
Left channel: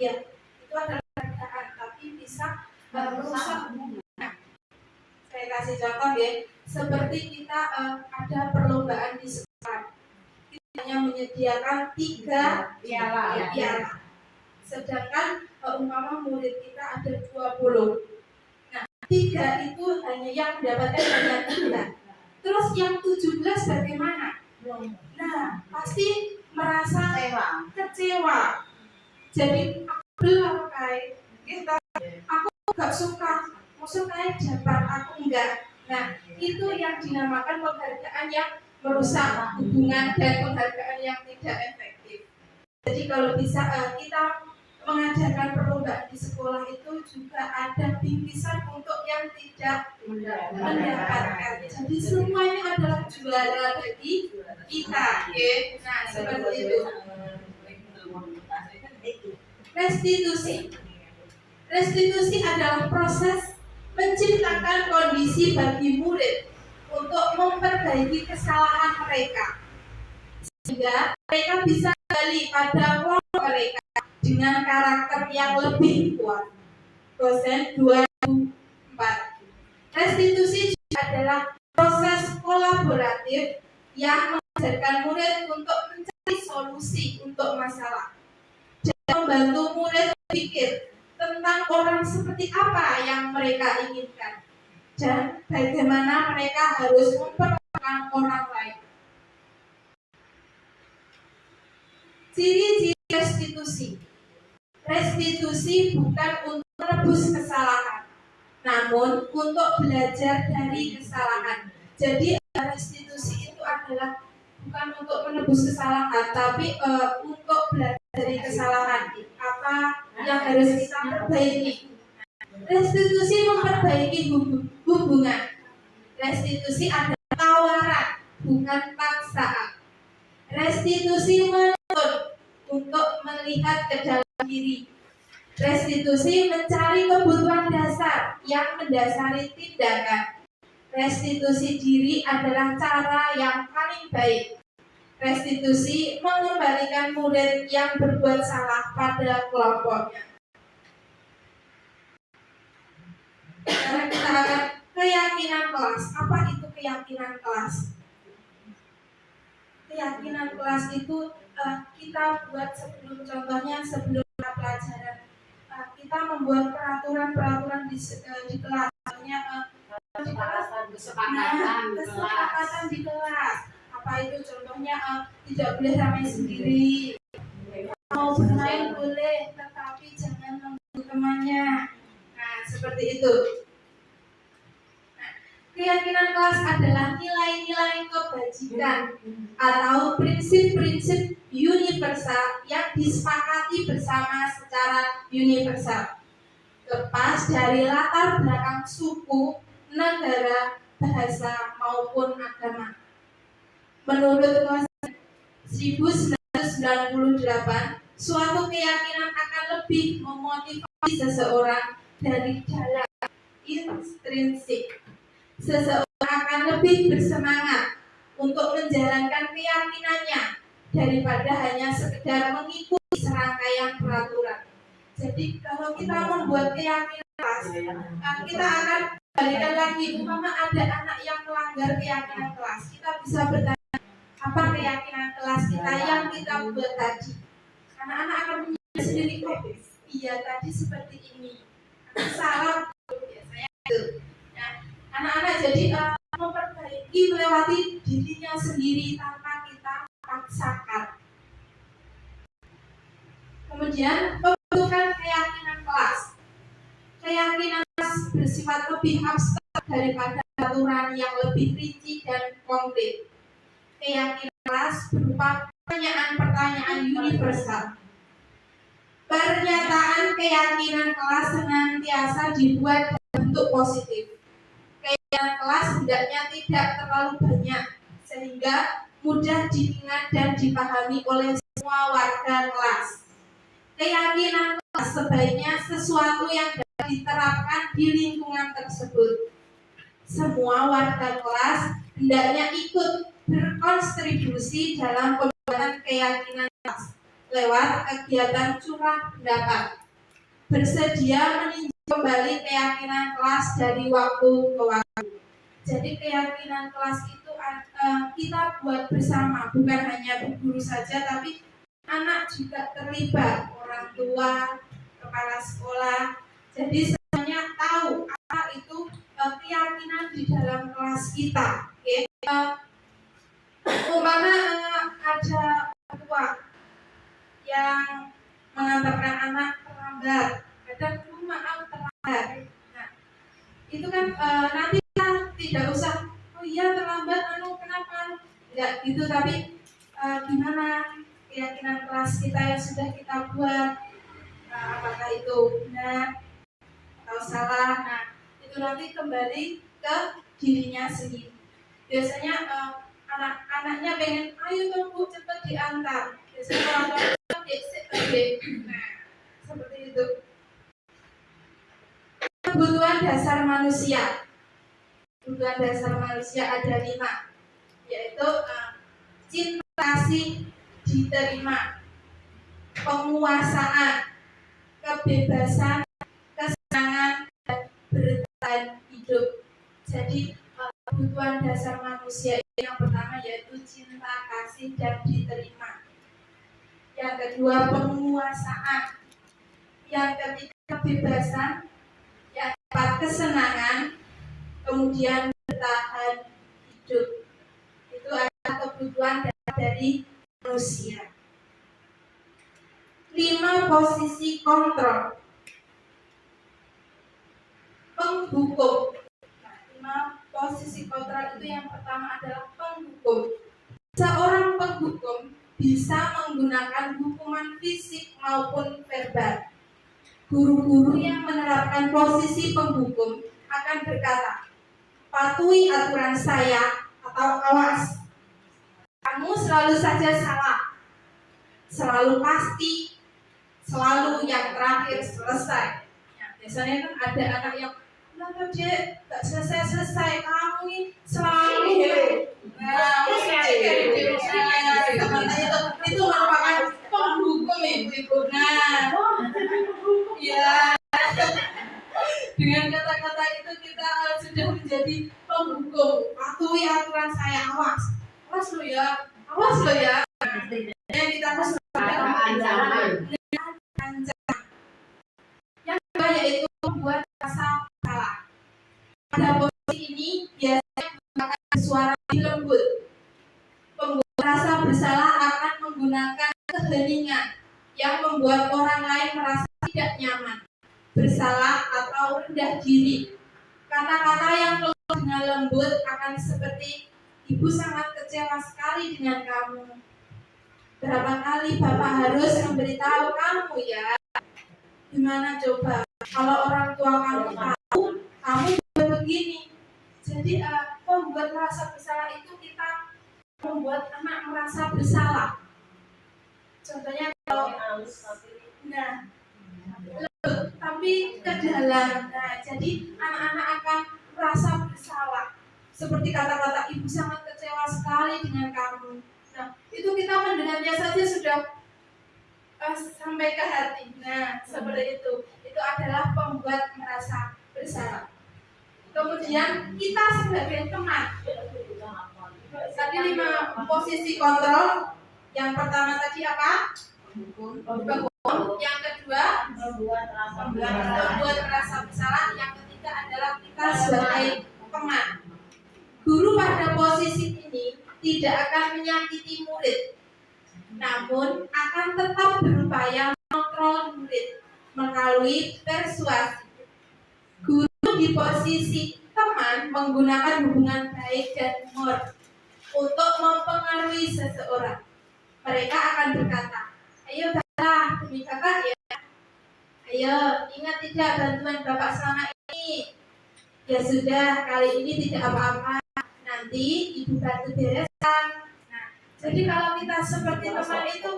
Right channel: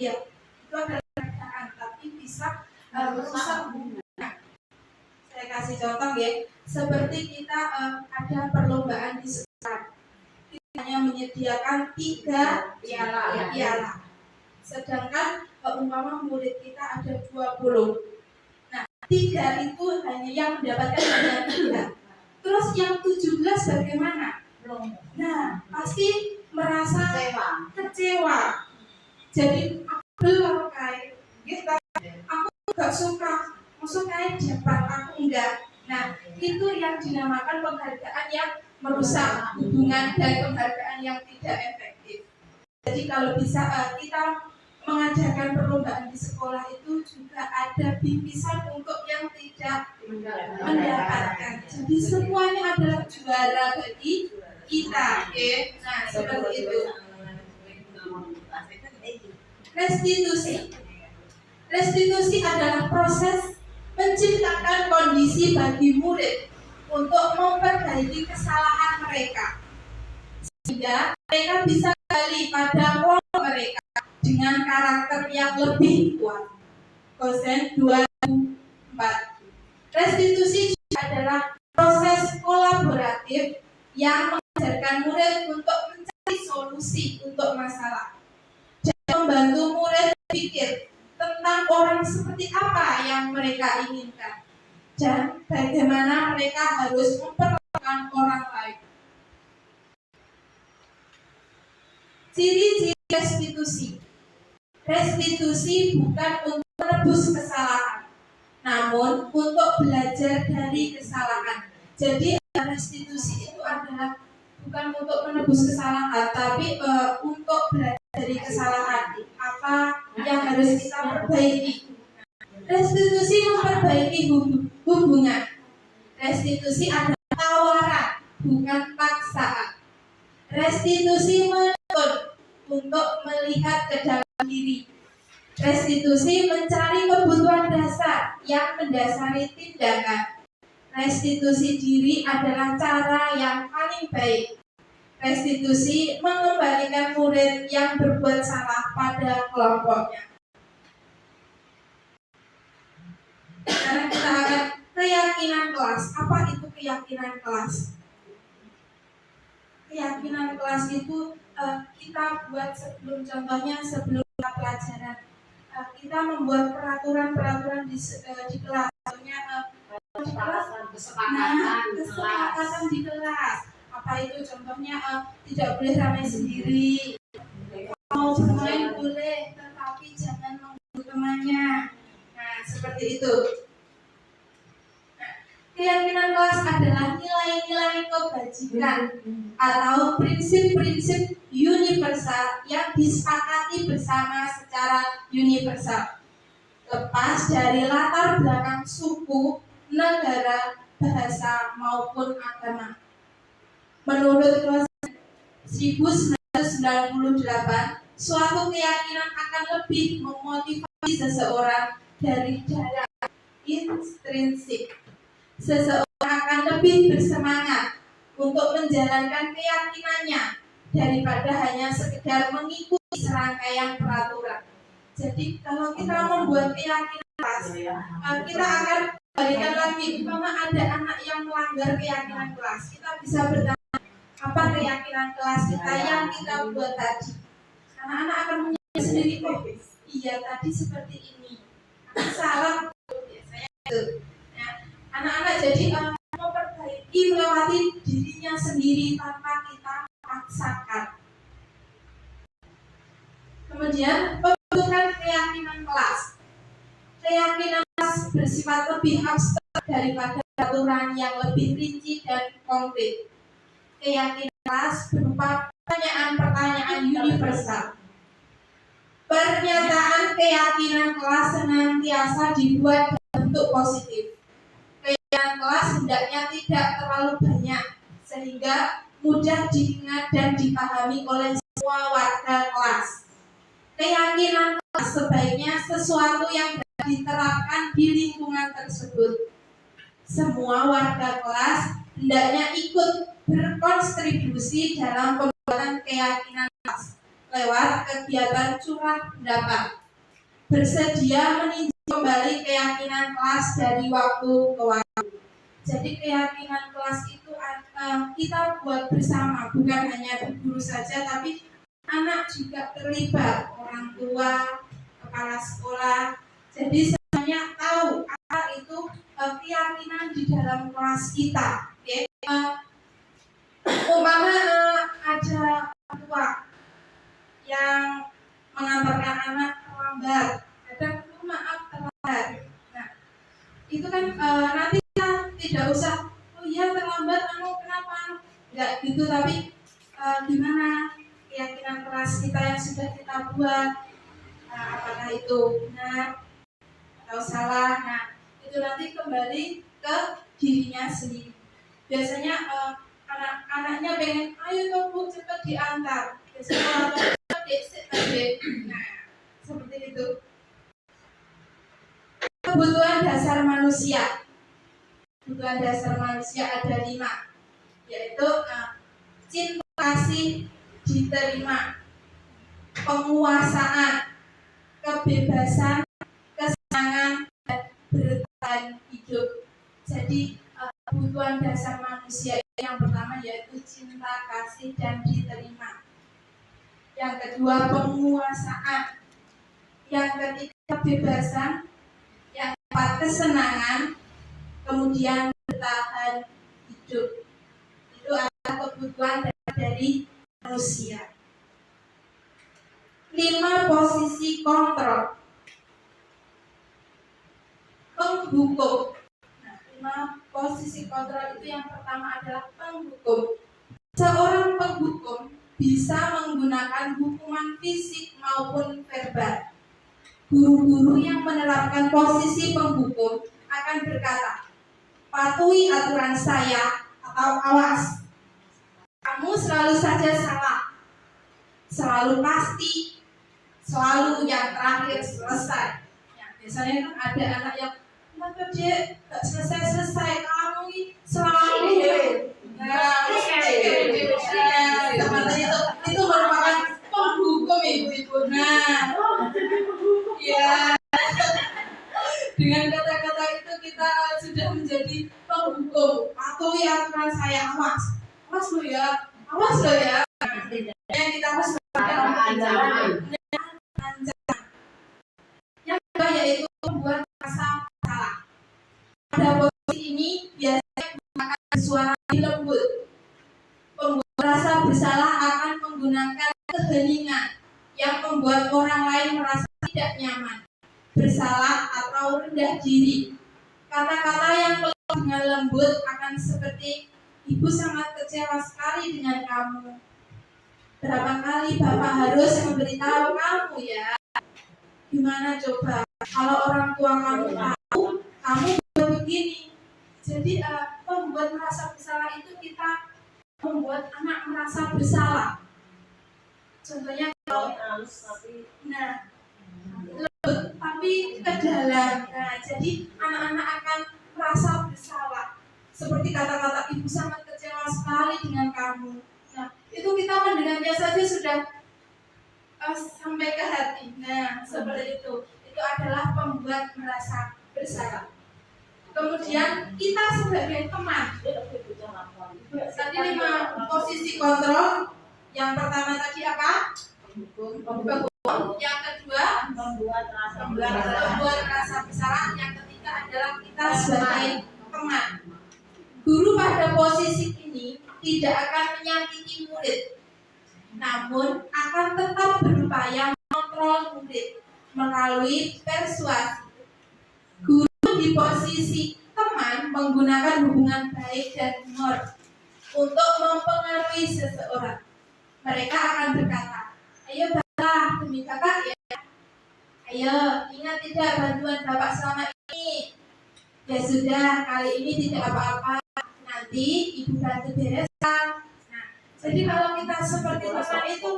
Ya, itu adalah penghargaan, tapi bisa merusak hubungan. Saya kasih contoh ya, seperti kita ada perlombaan di sekolah, kita hanya menyediakan 3 piala. Sedangkan umpama murid kita ada 20. Nah, 3 itu hanya yang mendapatkan hanya 3. Terus yang 17 bagaimana? Nah, pasti merasa kecewa. Jadi aku belum kayak gitu. Aku gak suka, maksud kayak dapat aku enggak. Nah, itu yang dinamakan penghargaan yang merusak hubungan dan penghargaan yang tidak efektif. Jadi kalau bisa kita mengadakan perlombaan di sekolah itu juga ada bingkisan untuk yang tidak mendapatkan. Jadi semuanya adalah juara bagi kita, Nah, seperti itu. Restitusi adalah proses menciptakan kondisi bagi murid untuk memperbaiki kesalahan mereka sehingga mereka bisa kembali pada pola mereka dengan karakter yang lebih kuat. Dosen 2004. Restitusi adalah proses kolaboratif yang mengajarkan murid untuk mencari solusi untuk masalah dan membantu murid berpikir tentang orang seperti apa yang mereka inginkan dan bagaimana mereka harus memperlakukan orang lain. Ciri-ciri restitusi. Restitusi bukan untuk menebus kesalahan, namun untuk belajar dari kesalahan. Jadi restitusi itu adalah bukan untuk menebus kesalahan, tapi untuk belajar dari kesalahan. Apa yang harus kita perbaiki? Restitusi memperbaiki hubungan. Restitusi adalah tawaran, bukan paksaan. Restitusi menuntut untuk melihat ke dalam diri. Restitusi mencari kebutuhan dasar yang mendasari tindakan. Restitusi diri adalah cara yang paling baik. Restitusi mengembalikan murid yang berbuat salah pada kelompoknya. Sekarang kita akan keyakinan kelas. Apa itu keyakinan kelas? Keyakinan kelas itu kita buat sebelum kita pelajaran. Kita membuat peraturan-peraturan di kelas. Contohnya kesepakatan di kelas. Apa itu? Contohnya tidak boleh ramai sendiri. Mau bermain boleh, tetapi jangan mengganggu temannya. Nah, seperti itu. Keyakinan kelas adalah nilai-nilai kebajikan atau prinsip-prinsip universal yang disepakati bersama secara universal, lepas dari latar belakang suku, negara, bahasa maupun agama. Menurut Klausen 1998, suatu keyakinan akan lebih memotivasi seseorang dari dalam intrinsik. Seseorang akan lebih bersemangat untuk menjalankan keyakinannya daripada hanya sekedar mengikuti serangkaian peraturan. Jadi kalau kita membuat keyakinan kelas, kita akan balikan lagi. Umpama ada anak yang melanggar keyakinan kelas, kita bisa bertanya, apa keyakinan kelas kita yang kita buat tadi? Anak-anak akan menjawab sendiri, oh iya tadi seperti ini, aku salah, biasanya itu. Anak-anak jadi memperbaiki melewati dirinya sendiri tanpa kita paksakan. Kemudian pembentukan keyakinan kelas. Keyakinan kelas bersifat lebih abstrak daripada aturan yang lebih rinci dan konkret. Keyakinan kelas berupa pertanyaan-pertanyaan universal. Pernyataan keyakinan kelas senantiasa dibuat dalam bentuk positif. Keyakinan kelas hendaknya tidak terlalu banyak sehingga mudah diingat dan dipahami oleh semua warga kelas. Keyakinan kelas sebaiknya sesuatu yang dapat diterapkan di lingkungan tersebut. Semua warga kelas hendaknya ikut berkontribusi dalam pembuatan keyakinan kelas lewat kegiatan curah pendapat. Bersedia meninjau kembali keyakinan kelas dari waktu ke waktu. Jadi keyakinan kelas itu kita buat bersama, bukan hanya guru saja, tapi anak juga terlibat, orang tua, kepala sekolah. Jadi semuanya tahu apa itu keyakinan di dalam kelas kita. Okay? Umpama ada orang tua yang mengantarkan anak terlambat, kadang maaf terlambat. Nah, itu kan nanti kita tidak usah, oh iya terlambat, kenapa? Enggak gitu, tapi gimana keyakinan kelas kita yang sudah kita buat, apakah itu benar atau salah? Nah, itu nanti kembali ke dirinya sendiri. Biasanya anak-anaknya pengen, ayo tuh Bu cepat diantar. Biasanya orang tua adik. Nah, seperti itu. Kebutuhan dasar manusia. Kebutuhan dasar manusia ada 5, yaitu cinta kasih diterima, penguasaan, kebebasan, kesenangan, dan bertahan hidup. Jadi kebutuhan dasar manusia yang pertama yaitu cinta kasih dan diterima. Yang kedua penguasaan. Yang ketiga kebebasan. Yang keempat kesenangan. Kemudian bertahan hidup. Itu adalah kebutuhan dari manusia. 5 posisi kontrol. Penghukum. Nah, 5 posisi kontrol itu yang pertama adalah penghukum. Seorang penghukum bisa menggunakan hukuman fisik maupun verbal. Guru-guru yang menerapkan posisi penghukum akan berkata, patuhi aturan saya atau awas. Kamu selalu saja salah, selalu pasti, selalu yang terakhir selesai. Ya, biasanya kan ada anak yang kenapa dia gak selesai-selesai, kamu ini selalu. Nah, itu merupakan penghukum ibu-ibu. Nah, ya, dengan kata-kata itu kita sudah menjadi penghukum. Patuhi aturan saya, awas lo ya, awas lo ya. Yang kita harus ancaman. Yang kedua yaitu membuat rasa salah. Pada posisi ini biasanya menggunakan suara lembut. Pembuat rasa bersalah akan menggunakan keheningan yang membuat orang lain merasa tidak nyaman, bersalah atau rendah diri. Kata-kata yang keluar dengan lembut akan seperti, ibu sangat kecewa sekali dengan kamu. Berapa kali bapak harus memberitahu kamu ya? Gimana coba kalau orang tua kamu tahu kamu begini? Jadi membuat merasa bersalah itu kita membuat anak merasa bersalah. Contohnya kalau nah lembut tapi ke dalam. Nah, jadi anak-anak akan merasa bersalah. Seperti kata-kata ibu sangat kecewa sekali dengan kamu. Nah, itu kita mendengarnya saja sudah sampai ke hati. Nah, seperti itu. Itu adalah pembuat merasa bersalah. Kemudian kita sebagai teman. Tadi 5 posisi kontrol. Yang pertama tadi apa? Penghukum. Yang kedua membuat rasa bersalah. Yang ketiga adalah kita sebagai teman. Guru pada posisi ini tidak akan menyakiti murid, namun akan tetap berupaya mengontrol murid melalui persuasi. Guru di posisi teman menggunakan hubungan baik dan humor untuk mempengaruhi seseorang. Mereka akan berkata, ayo bapak demi kakak ya. Ayo ingat tidak bantuan bapak selama ini. Ya sudah, kali ini tidak apa-apa. Nanti ibu bantu bereskan. Nah, jadi kalau kita seperti teman itu,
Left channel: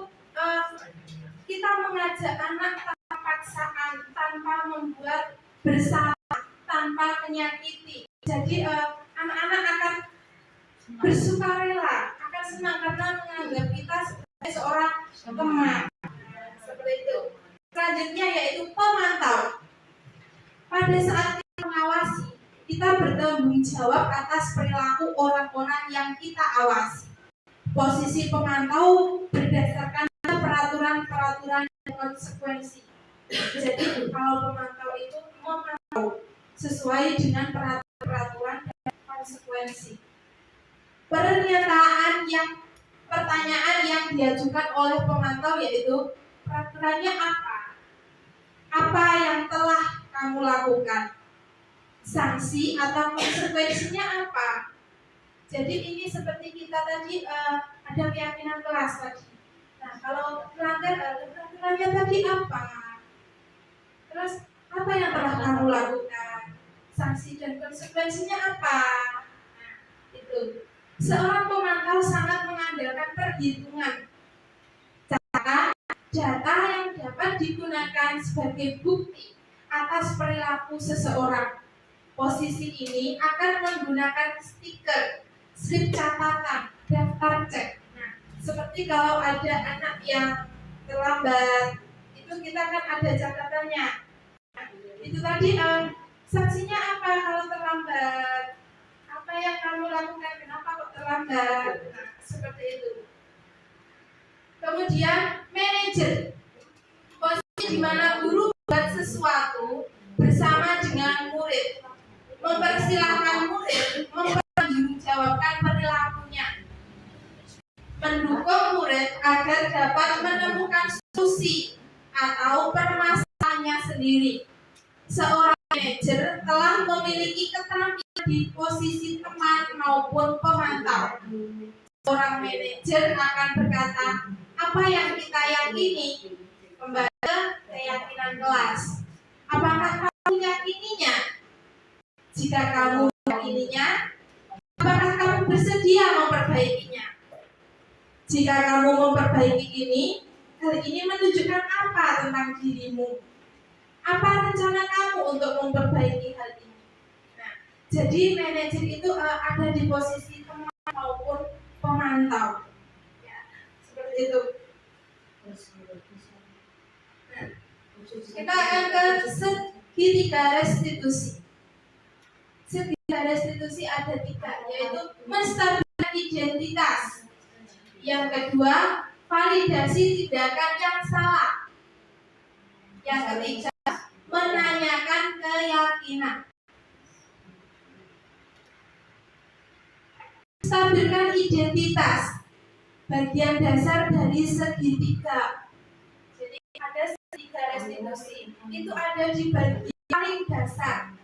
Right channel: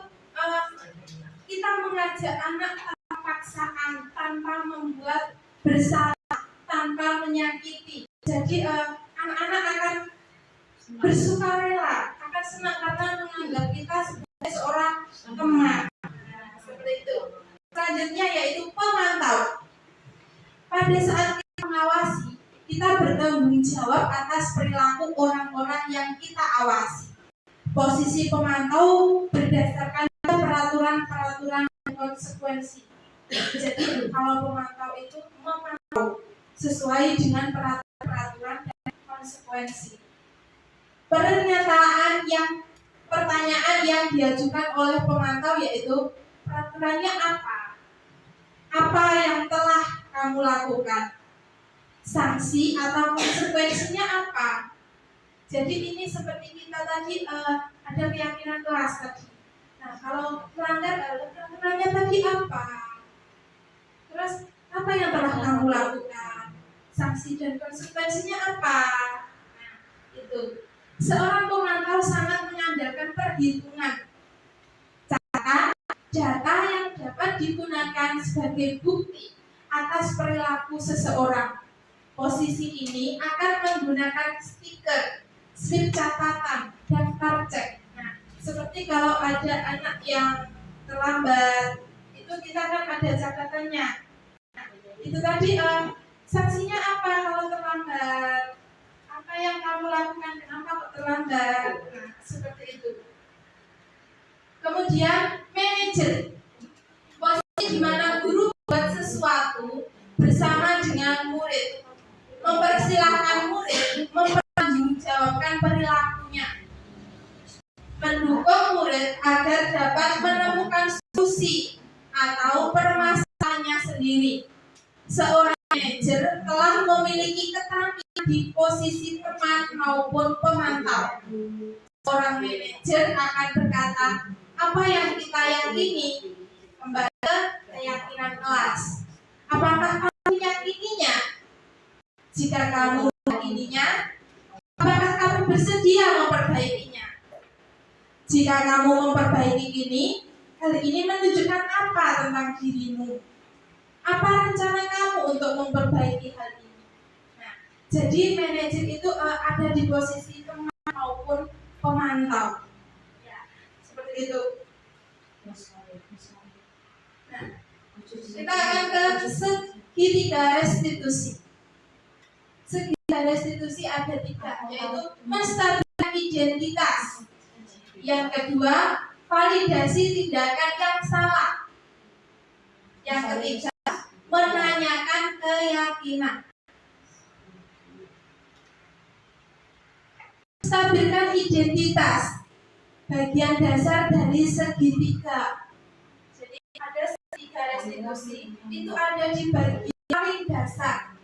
kita mengajak anak tanpa paksaan, tanpa membuat bersalah, tanpa menyakiti. Jadi anak-anak akan bersukarela, akan senang karena menganggap kita sebagai seorang teman. Nah, seperti itu. Selanjutnya yaitu pemantau. Pada saat kita mengawasi, kita bertanggung jawab atas perilaku orang-orang yang kita awasi. Posisi pemantau berdasarkan peraturan-peraturan dan konsekuensi. Jadi kalau pemantau itu memantau sesuai dengan peraturan dan konsekuensi. Pertanyaan yang diajukan oleh pemantau yaitu peraturannya apa? Apa yang telah kamu lakukan? Sanksi atau konsekuensinya apa? Jadi ini seperti kita tadi ada keyakinan kelas tadi. Nah, kalau melanggar peraturannya tadi apa? Terus apa yang telah kamu lakukan? Sanksi dan konsekuensinya apa? Nah, itu. Seorang pemantau sangat mengandalkan perhitungan data yang dapat digunakan sebagai bukti atas perilaku seseorang. Posisi ini akan menggunakan stiker, slip catatan, daftar cek. Nah, seperti kalau ada anak yang terlambat, itu kita kan ada catatannya. Nah, itu tadi sanksinya apa kalau terlambat? Apa yang kamu lakukan? Kenapa kok terlambat? Nah, seperti itu. Kemudian manajer, posisi di mana guru buat sesuatu bersama dengan murid, mempersilahkan murid mempertanggungjawabkan perilakunya, mendukung murid agar dapat menemukan solusi atau permasalahannya sendiri. Seorang manajer telah memiliki keterampilan di posisi teman maupun pemantau. Seorang manajer akan berkata, apa yang kita yakini kembali ke keyakinan kelas. Apakah kamu meyakininya? Jika kamu meyakininya, apakah kamu bersedia memperbaikinya? Jika kamu memperbaiki ini, hal ini menunjukkan apa tentang dirimu? Apa rencana kamu untuk memperbaiki hal ini? Nah, jadi manajer itu ada di posisi teman maupun pemantau. Ya, seperti itu. Nah, kita akan ke segitiga restitusi. Segitiga restitusi ada 3, yaitu menstabilkan identitas. Yang kedua, validasi tindakan yang salah. Yang ketiga, menanyakan keyakinan. Stabilkan identitas, bagian dasar dari segitiga. Jadi ada segitiga restitusi, itu ada di bagian paling dasar.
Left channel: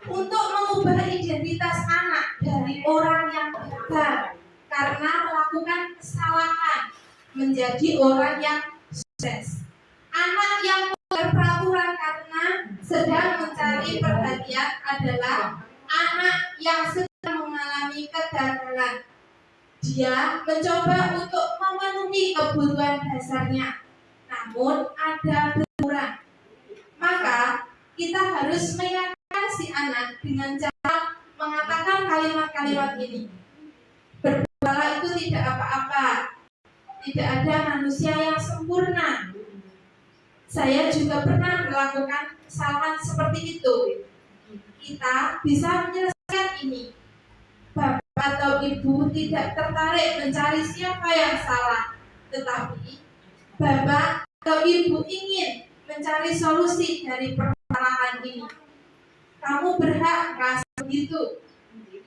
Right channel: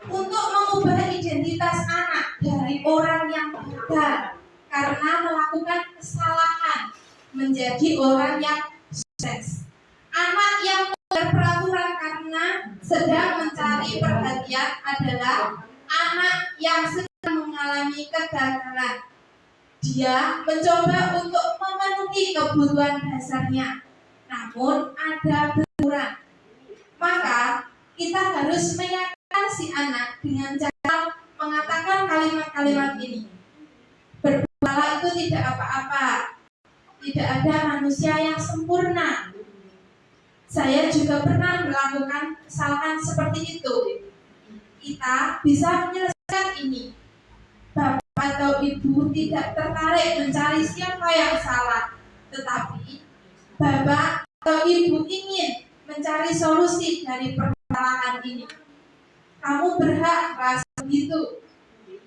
Untuk mengubah identitas anak dari orang yang gagal karena melakukan kesalahan menjadi orang yang sukses. Anak yang peraturan karena sedang mencari perhatian adalah anak yang sedang mengalami kegagalan. Dia mencoba untuk memenuhi kebutuhan dasarnya, namun ada benturan. Maka kita harus meyakinkan si anak dengan cara mengatakan kalimat-kalimat ini. Berbuatlah itu tidak apa-apa. Tidak ada manusia yang sempurna. Saya juga pernah melakukan kesalahan seperti itu. Kita bisa menyelesaikan ini. Bapak atau ibu tidak tertarik mencari siapa yang salah, tetapi bapak atau ibu ingin mencari solusi dari permasalahan ini. Kamu berhak merasa begitu.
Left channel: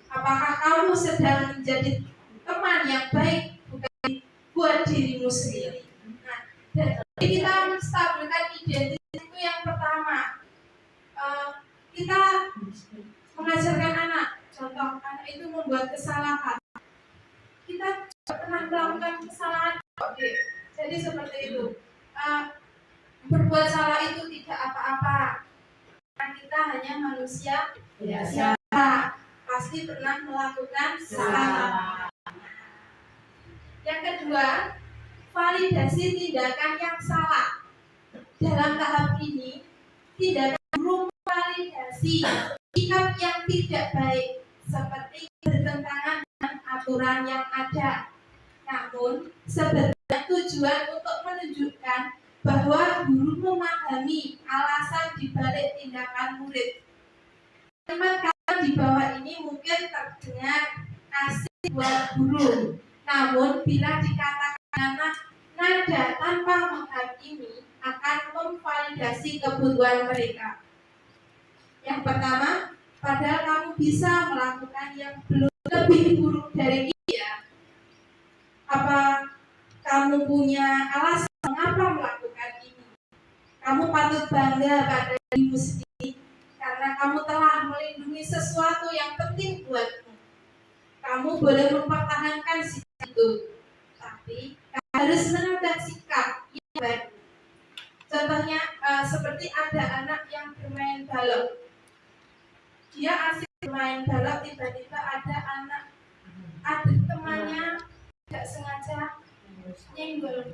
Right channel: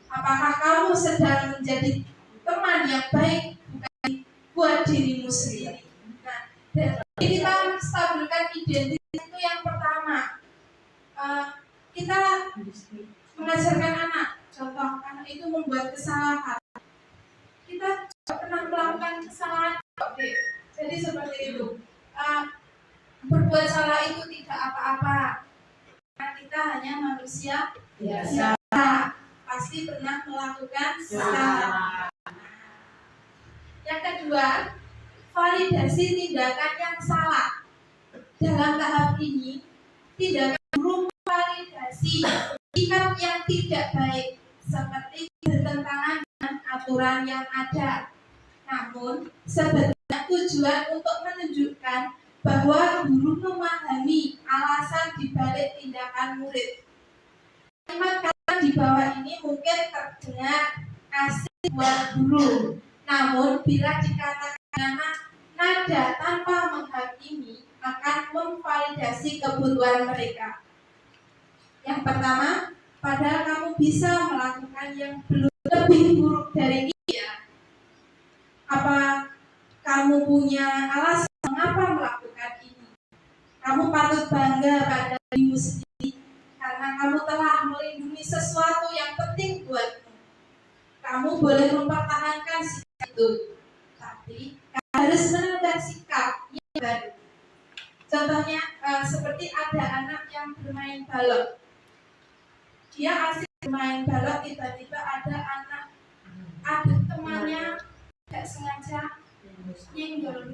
Apakah kamu sedang menjadi teman yang baik bukan buat dirimu sendiri? Nah, dan kita menstabilkan identitas itu yang pertama. Kita mengajarkan anak, contoh anak itu membuat kesalahan. Kita juga pernah melakukan kesalahan, jadi seperti itu. Berbuat salah itu tidak apa-apa. Kita hanya manusia biasa, pasti pernah melakukan kesalahan. Yang kedua, validasi tindakan yang salah. Dalam tahap ini, tindakan guru memvalidasi sikap yang tidak baik seperti bertentangan dengan aturan yang ada. Namun, sebenarnya tujuan untuk menunjukkan bahwa guru memahami alasan dibalik tindakan murid. Kalimat-kalimat di bawah ini mungkin terdengar asik buat guru. Namun, bila dikatakan nada tanpa menghakimi akan memvalidasi kebutuhan mereka. Yang pertama, padahal kamu bisa melakukan yang belum lebih buruk dari ini ya. Apa kamu punya alasan mengapa melakukan ini? Kamu patut bangga pada dirimu sendiri karena kamu telah melindungi sesuatu yang penting buatmu. Kamu boleh mempertahankan sikap itu, tapi kamu harus menambah sikap yang baru. Contohnya seperti ada anak yang bermain balok. Dia asik bermain balok, tiba-tiba ada temannya tidak sengaja nyenggol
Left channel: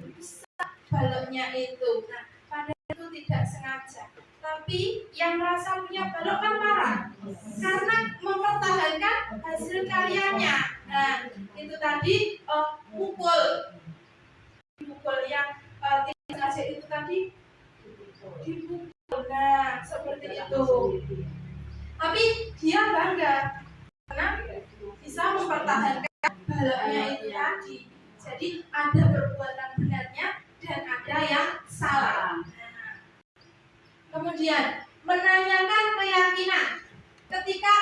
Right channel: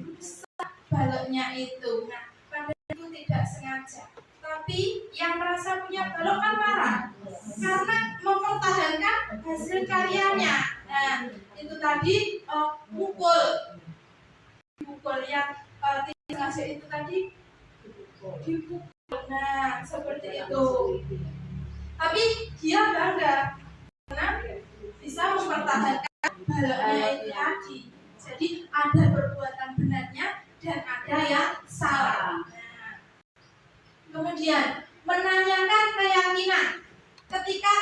baloknya itu. Nah, padahal itu tidak sengaja. Tapi yang merasa punya balok kan marah karena mempertahankan hasil karyanya. Nah, itu tadi mukul yang tidak sengaja itu tadi dipukul. Nah, seperti itu. Tapi dia bangga karena bisa mempertahankan baloknya itu tadi. Jadi ada perbuatan benarnya dan ada yang salah. Nah, kemudian menanyakan keyakinan. Ketika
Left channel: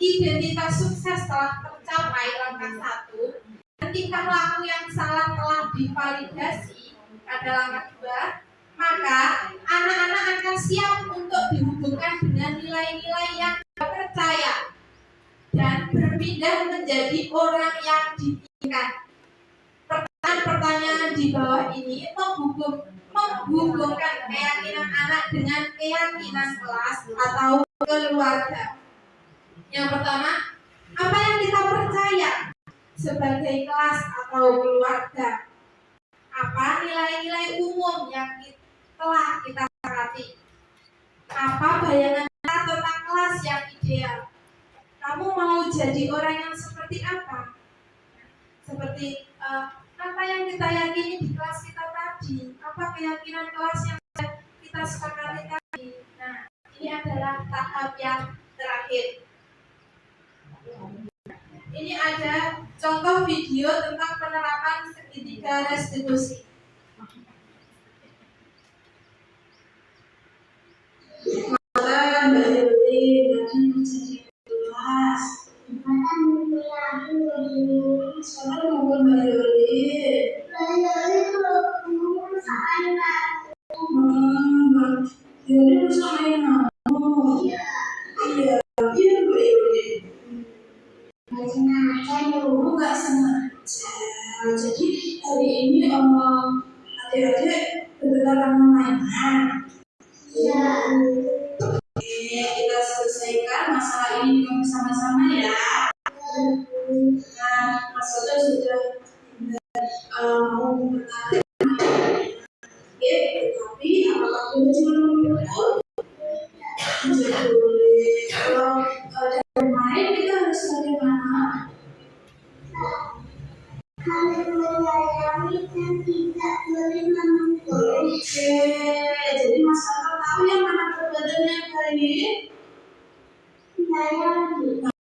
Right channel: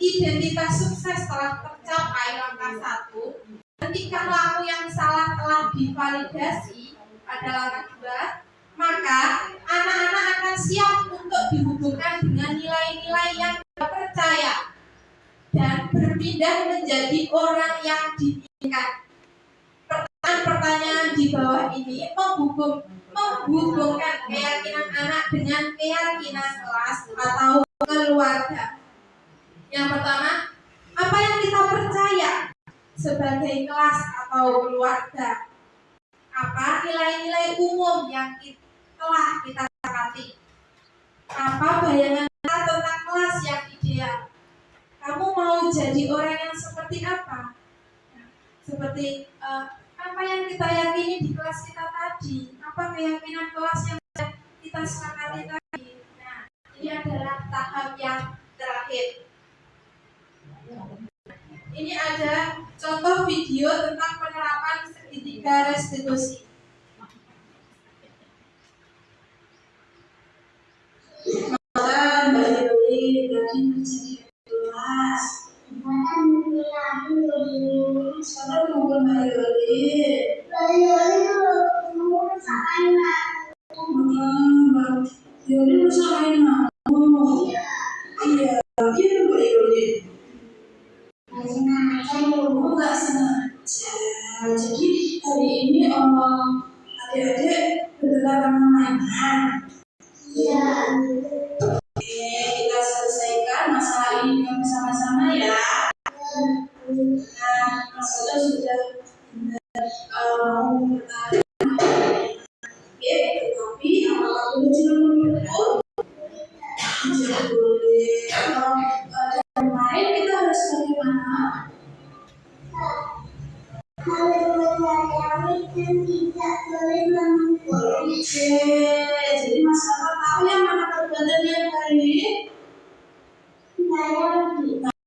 identitas sukses telah tercapai langkah 1, dan tingkah laku yang salah telah divalidasi, ada langkah 2, maka anak-anak akan siap untuk dihubungkan dengan nilai-nilai yang percaya dan berpindah menjadi orang yang diinginkan. Pertanyaan di bawah ini menghubungkan keyakinan anak dengan keyakinan kelas atau keluarga. Yang pertama, apa yang kita percaya sebagai kelas atau keluarga? Apa nilai-nilai umum yang telah kita sepakati? Apa bayangan kita tentang kelas yang ideal? Kamu mau jadi orang yang seperti apa? Seperti apa yang kita yakini di kelas kita tadi? Apa keyakinan kelas yang kita sepakati tadi? Nah, ini adalah tahap yang terakhir. Ini ada contoh video tentang penerapan segitiga restitusi. Maka Mbak Yuli dari menjadi kelas. Sabar tunggu Mbak Yuli. Mbak Yuli bisa main kamu. Iya, iya Mbak Yuli. Enggak sengaja. Jadi hari ini adik-adik bergerak mainan. Iya. Oke, kita selesaikan masalah ini bersama-sama ya. Nah, Mas Oda sudah mau bertanya. Oke, tapi apakah boleh juga menurut? Tidak boleh. Kalau bermain kita harus bagaimana? Oke, jadi Mas Oda tahu yang mana perbuatan yang baik?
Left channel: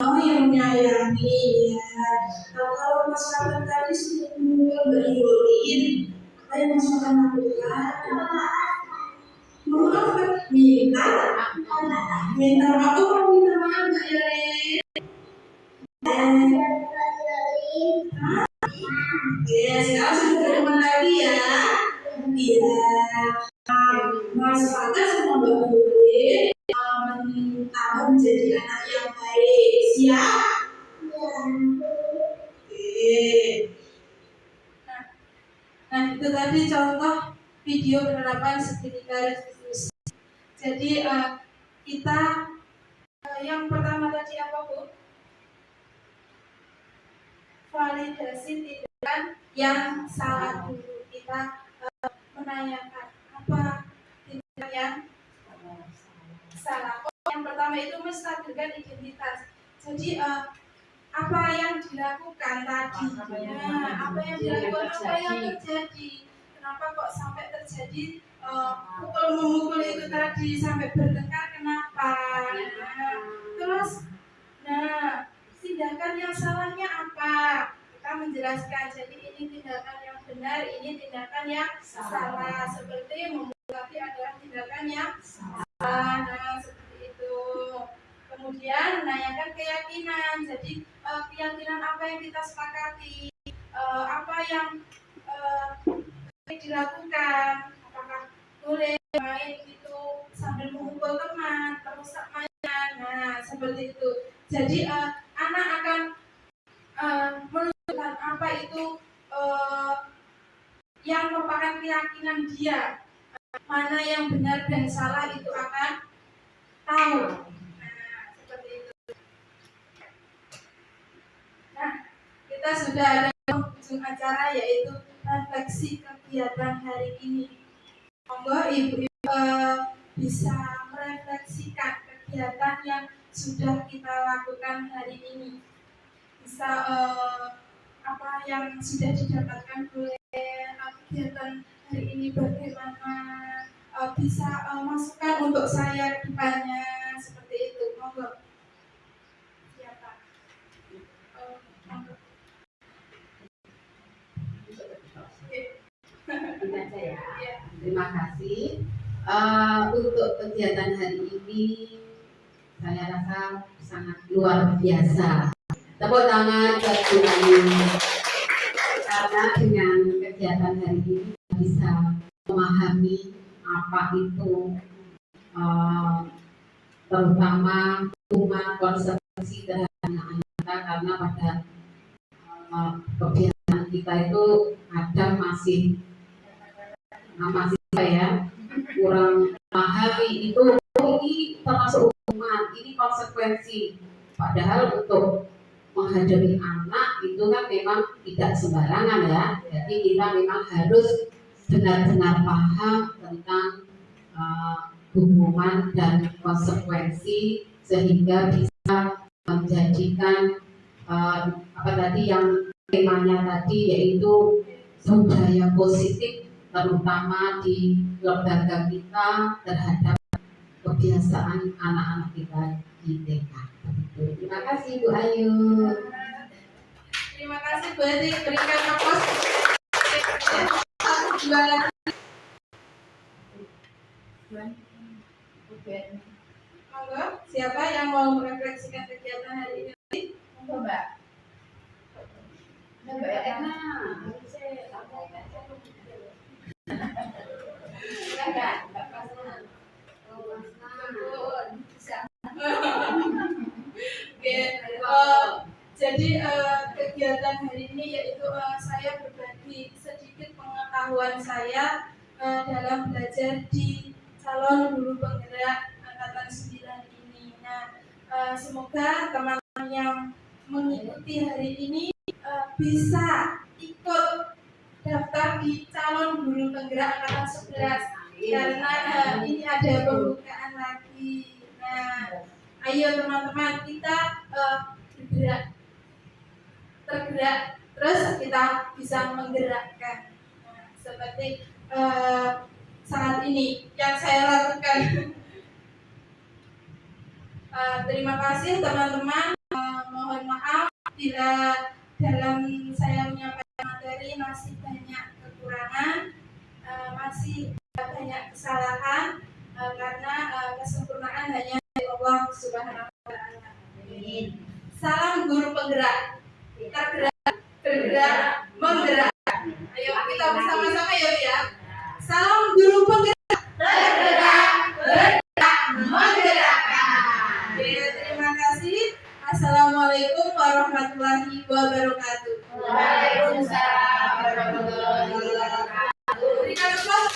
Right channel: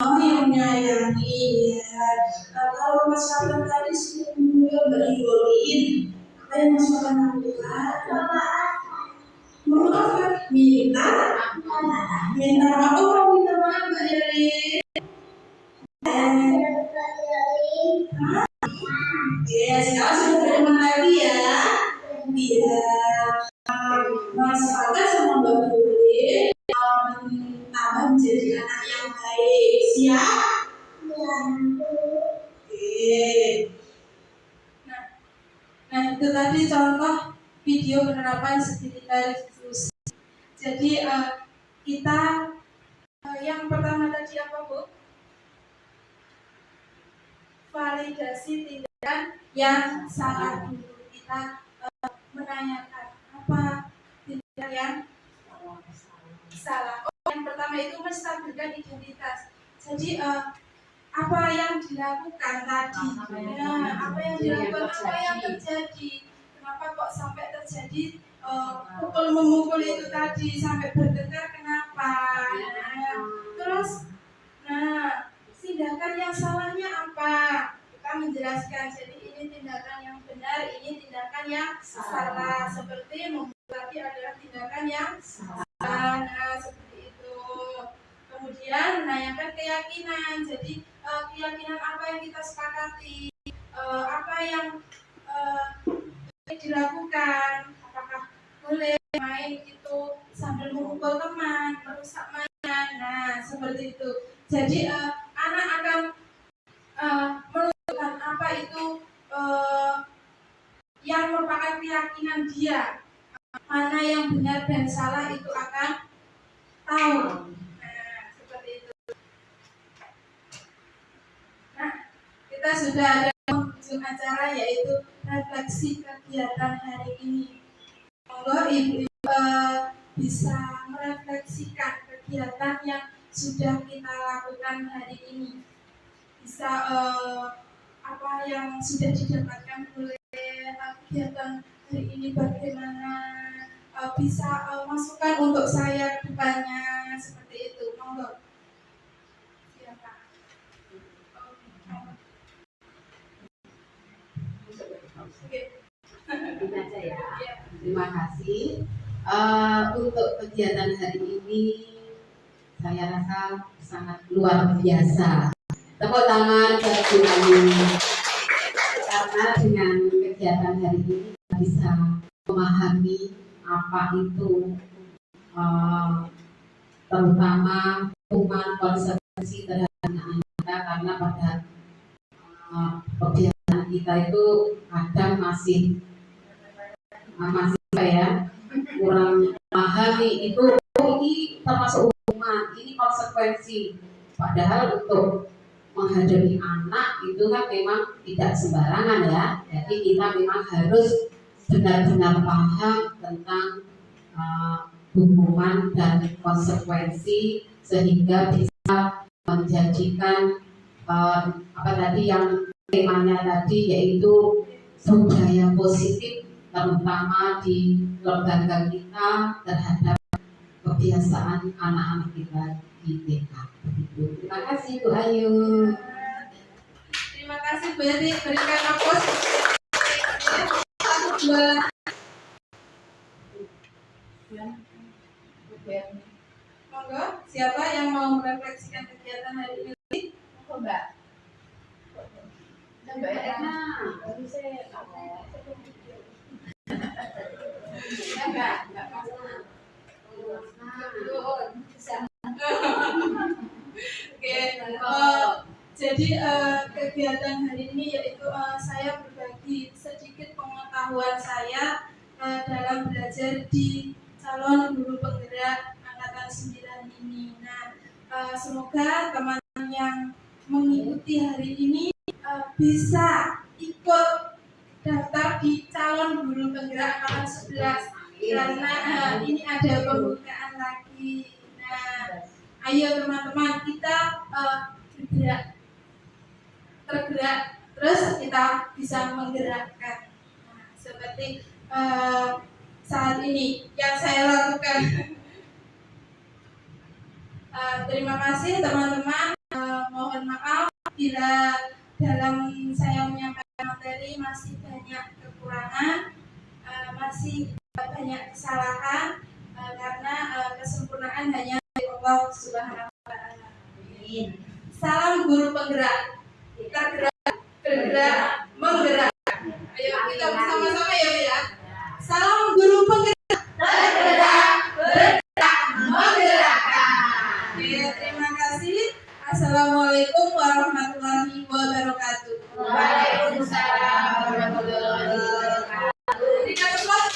Oh, yang menyayangi ya. Kalau Mas Oda tadi sudah beriolin, apa yang Mas Oda lakukan? Memaafkan, minta maaf. Oh, minta maaf Mbak Yeri. Ya, sekarang sudah berteman lagi ya. Iya. Mas Oda sama Mbak Yuri menjadi anak yang baik. Siap? Oke. Nah, itu tadi contoh video penerapan segitiga restitusi. Jadi kita yang pertama tadi apa Bu? Validasi tindakan yang salah dulu. Kita menanyakan apa tindakan yang salah. Oh, yang pertama itu menstabilkan identitas. Jadi apa yang dilakukan tadi? Nah, apa yang dilakukan, apa yang terjadi? Kenapa kok sampai terjadi pukul memukul itu tadi sampai bertengkar? Kenapa? Terus, tindakan yang salahnya apa? Kita menjelaskan. Jadi ini tindakan yang benar, ini tindakan yang salah. Seperti memukul tadi adalah tindakan yang salah. Nah, seperti itu. Kemudian menanyakan keyakinan. Jadi keyakinan apa yang kita sepakati, apa yang dilakukan, apakah boleh main itu sambil memukul teman, merusak mainan. Nah, seperti itu. Jadi anak akan menentukan apa itu yang merupakan keyakinan dia, mana yang benar dan salah itu akan tahu. Nah, seperti itu. Nah, kita sudah ada ujung acara yaitu refleksi kegiatan hari ini. Monggo Ibu bisa merefleksikan kegiatan yang sudah kita lakukan hari ini. Bisa apa yang sudah didapatkan oleh kegiatan hari ini, bagaimana bisa masukan untuk saya depannya, seperti itu. Monggo. Siapa? Ini aja ya. Terima kasih. Untuk kegiatan hari ini saya rasa sangat luar biasa. Tepuk tangan bagi karena dengan kegiatan hari ini bisa memahami apa itu terutama hukuman konsekuensi terhadap anak-anak kita, karena pada kebiasaan kita itu kadang masih ya kurang memahami itu, ini termasuk hukuman, ini konsekuensi. Padahal untuk menghadapi anak itu kan memang tidak sembarangan ya. Jadi kita memang harus benar-benar paham tentang hukuman dan konsekuensi sehingga bisa menjadikan apa tadi yang temanya tadi, yaitu budaya positif terutama di lembaga kita terhadap kebiasaan anak-anak kita di TK. Terima kasih Bu Ayu. Terima kasih Bu Edi, berikan aplaus. Satu dua. Monggo, siapa yang mau merefleksikan kegiatan hari ini? Monggo Mbak. Mbak Erna. Oke, jadi kegiatan hari ini yaitu saya berbagi sedikit pengetahuan saya dalam belajar di calon guru penggerak angkatan 9 ini. Nah, semoga teman-teman yang mengikuti hari ini bisa ikut daftar di calon guru penggerak angkatan 11 karena ini ada pembukaan lagi. Nah, ayo teman-teman kita tergerak, terus kita bisa menggerakkan. Nah, seperti saat ini yang saya lakukan. Terima kasih teman-teman. Mohon maaf bila dalam saya menyampaikan materi masih banyak kekurangan, masih banyak kesalahan, karena kesempurnaan hanya dari Allah Subhanahu wa Ta'ala. Salam guru penggerak, tergerak, bergerak, menggerak. Ayo kita bersama-sama ya. Salam guru penggerak, tergerak, bergerak, menggerakkan. Oke, terima kasih. Assalamualaikum warahmatullahi wabarakatuh. Waalaikumsalam warahmatullahi wabarakatuh. Berikan aplaus.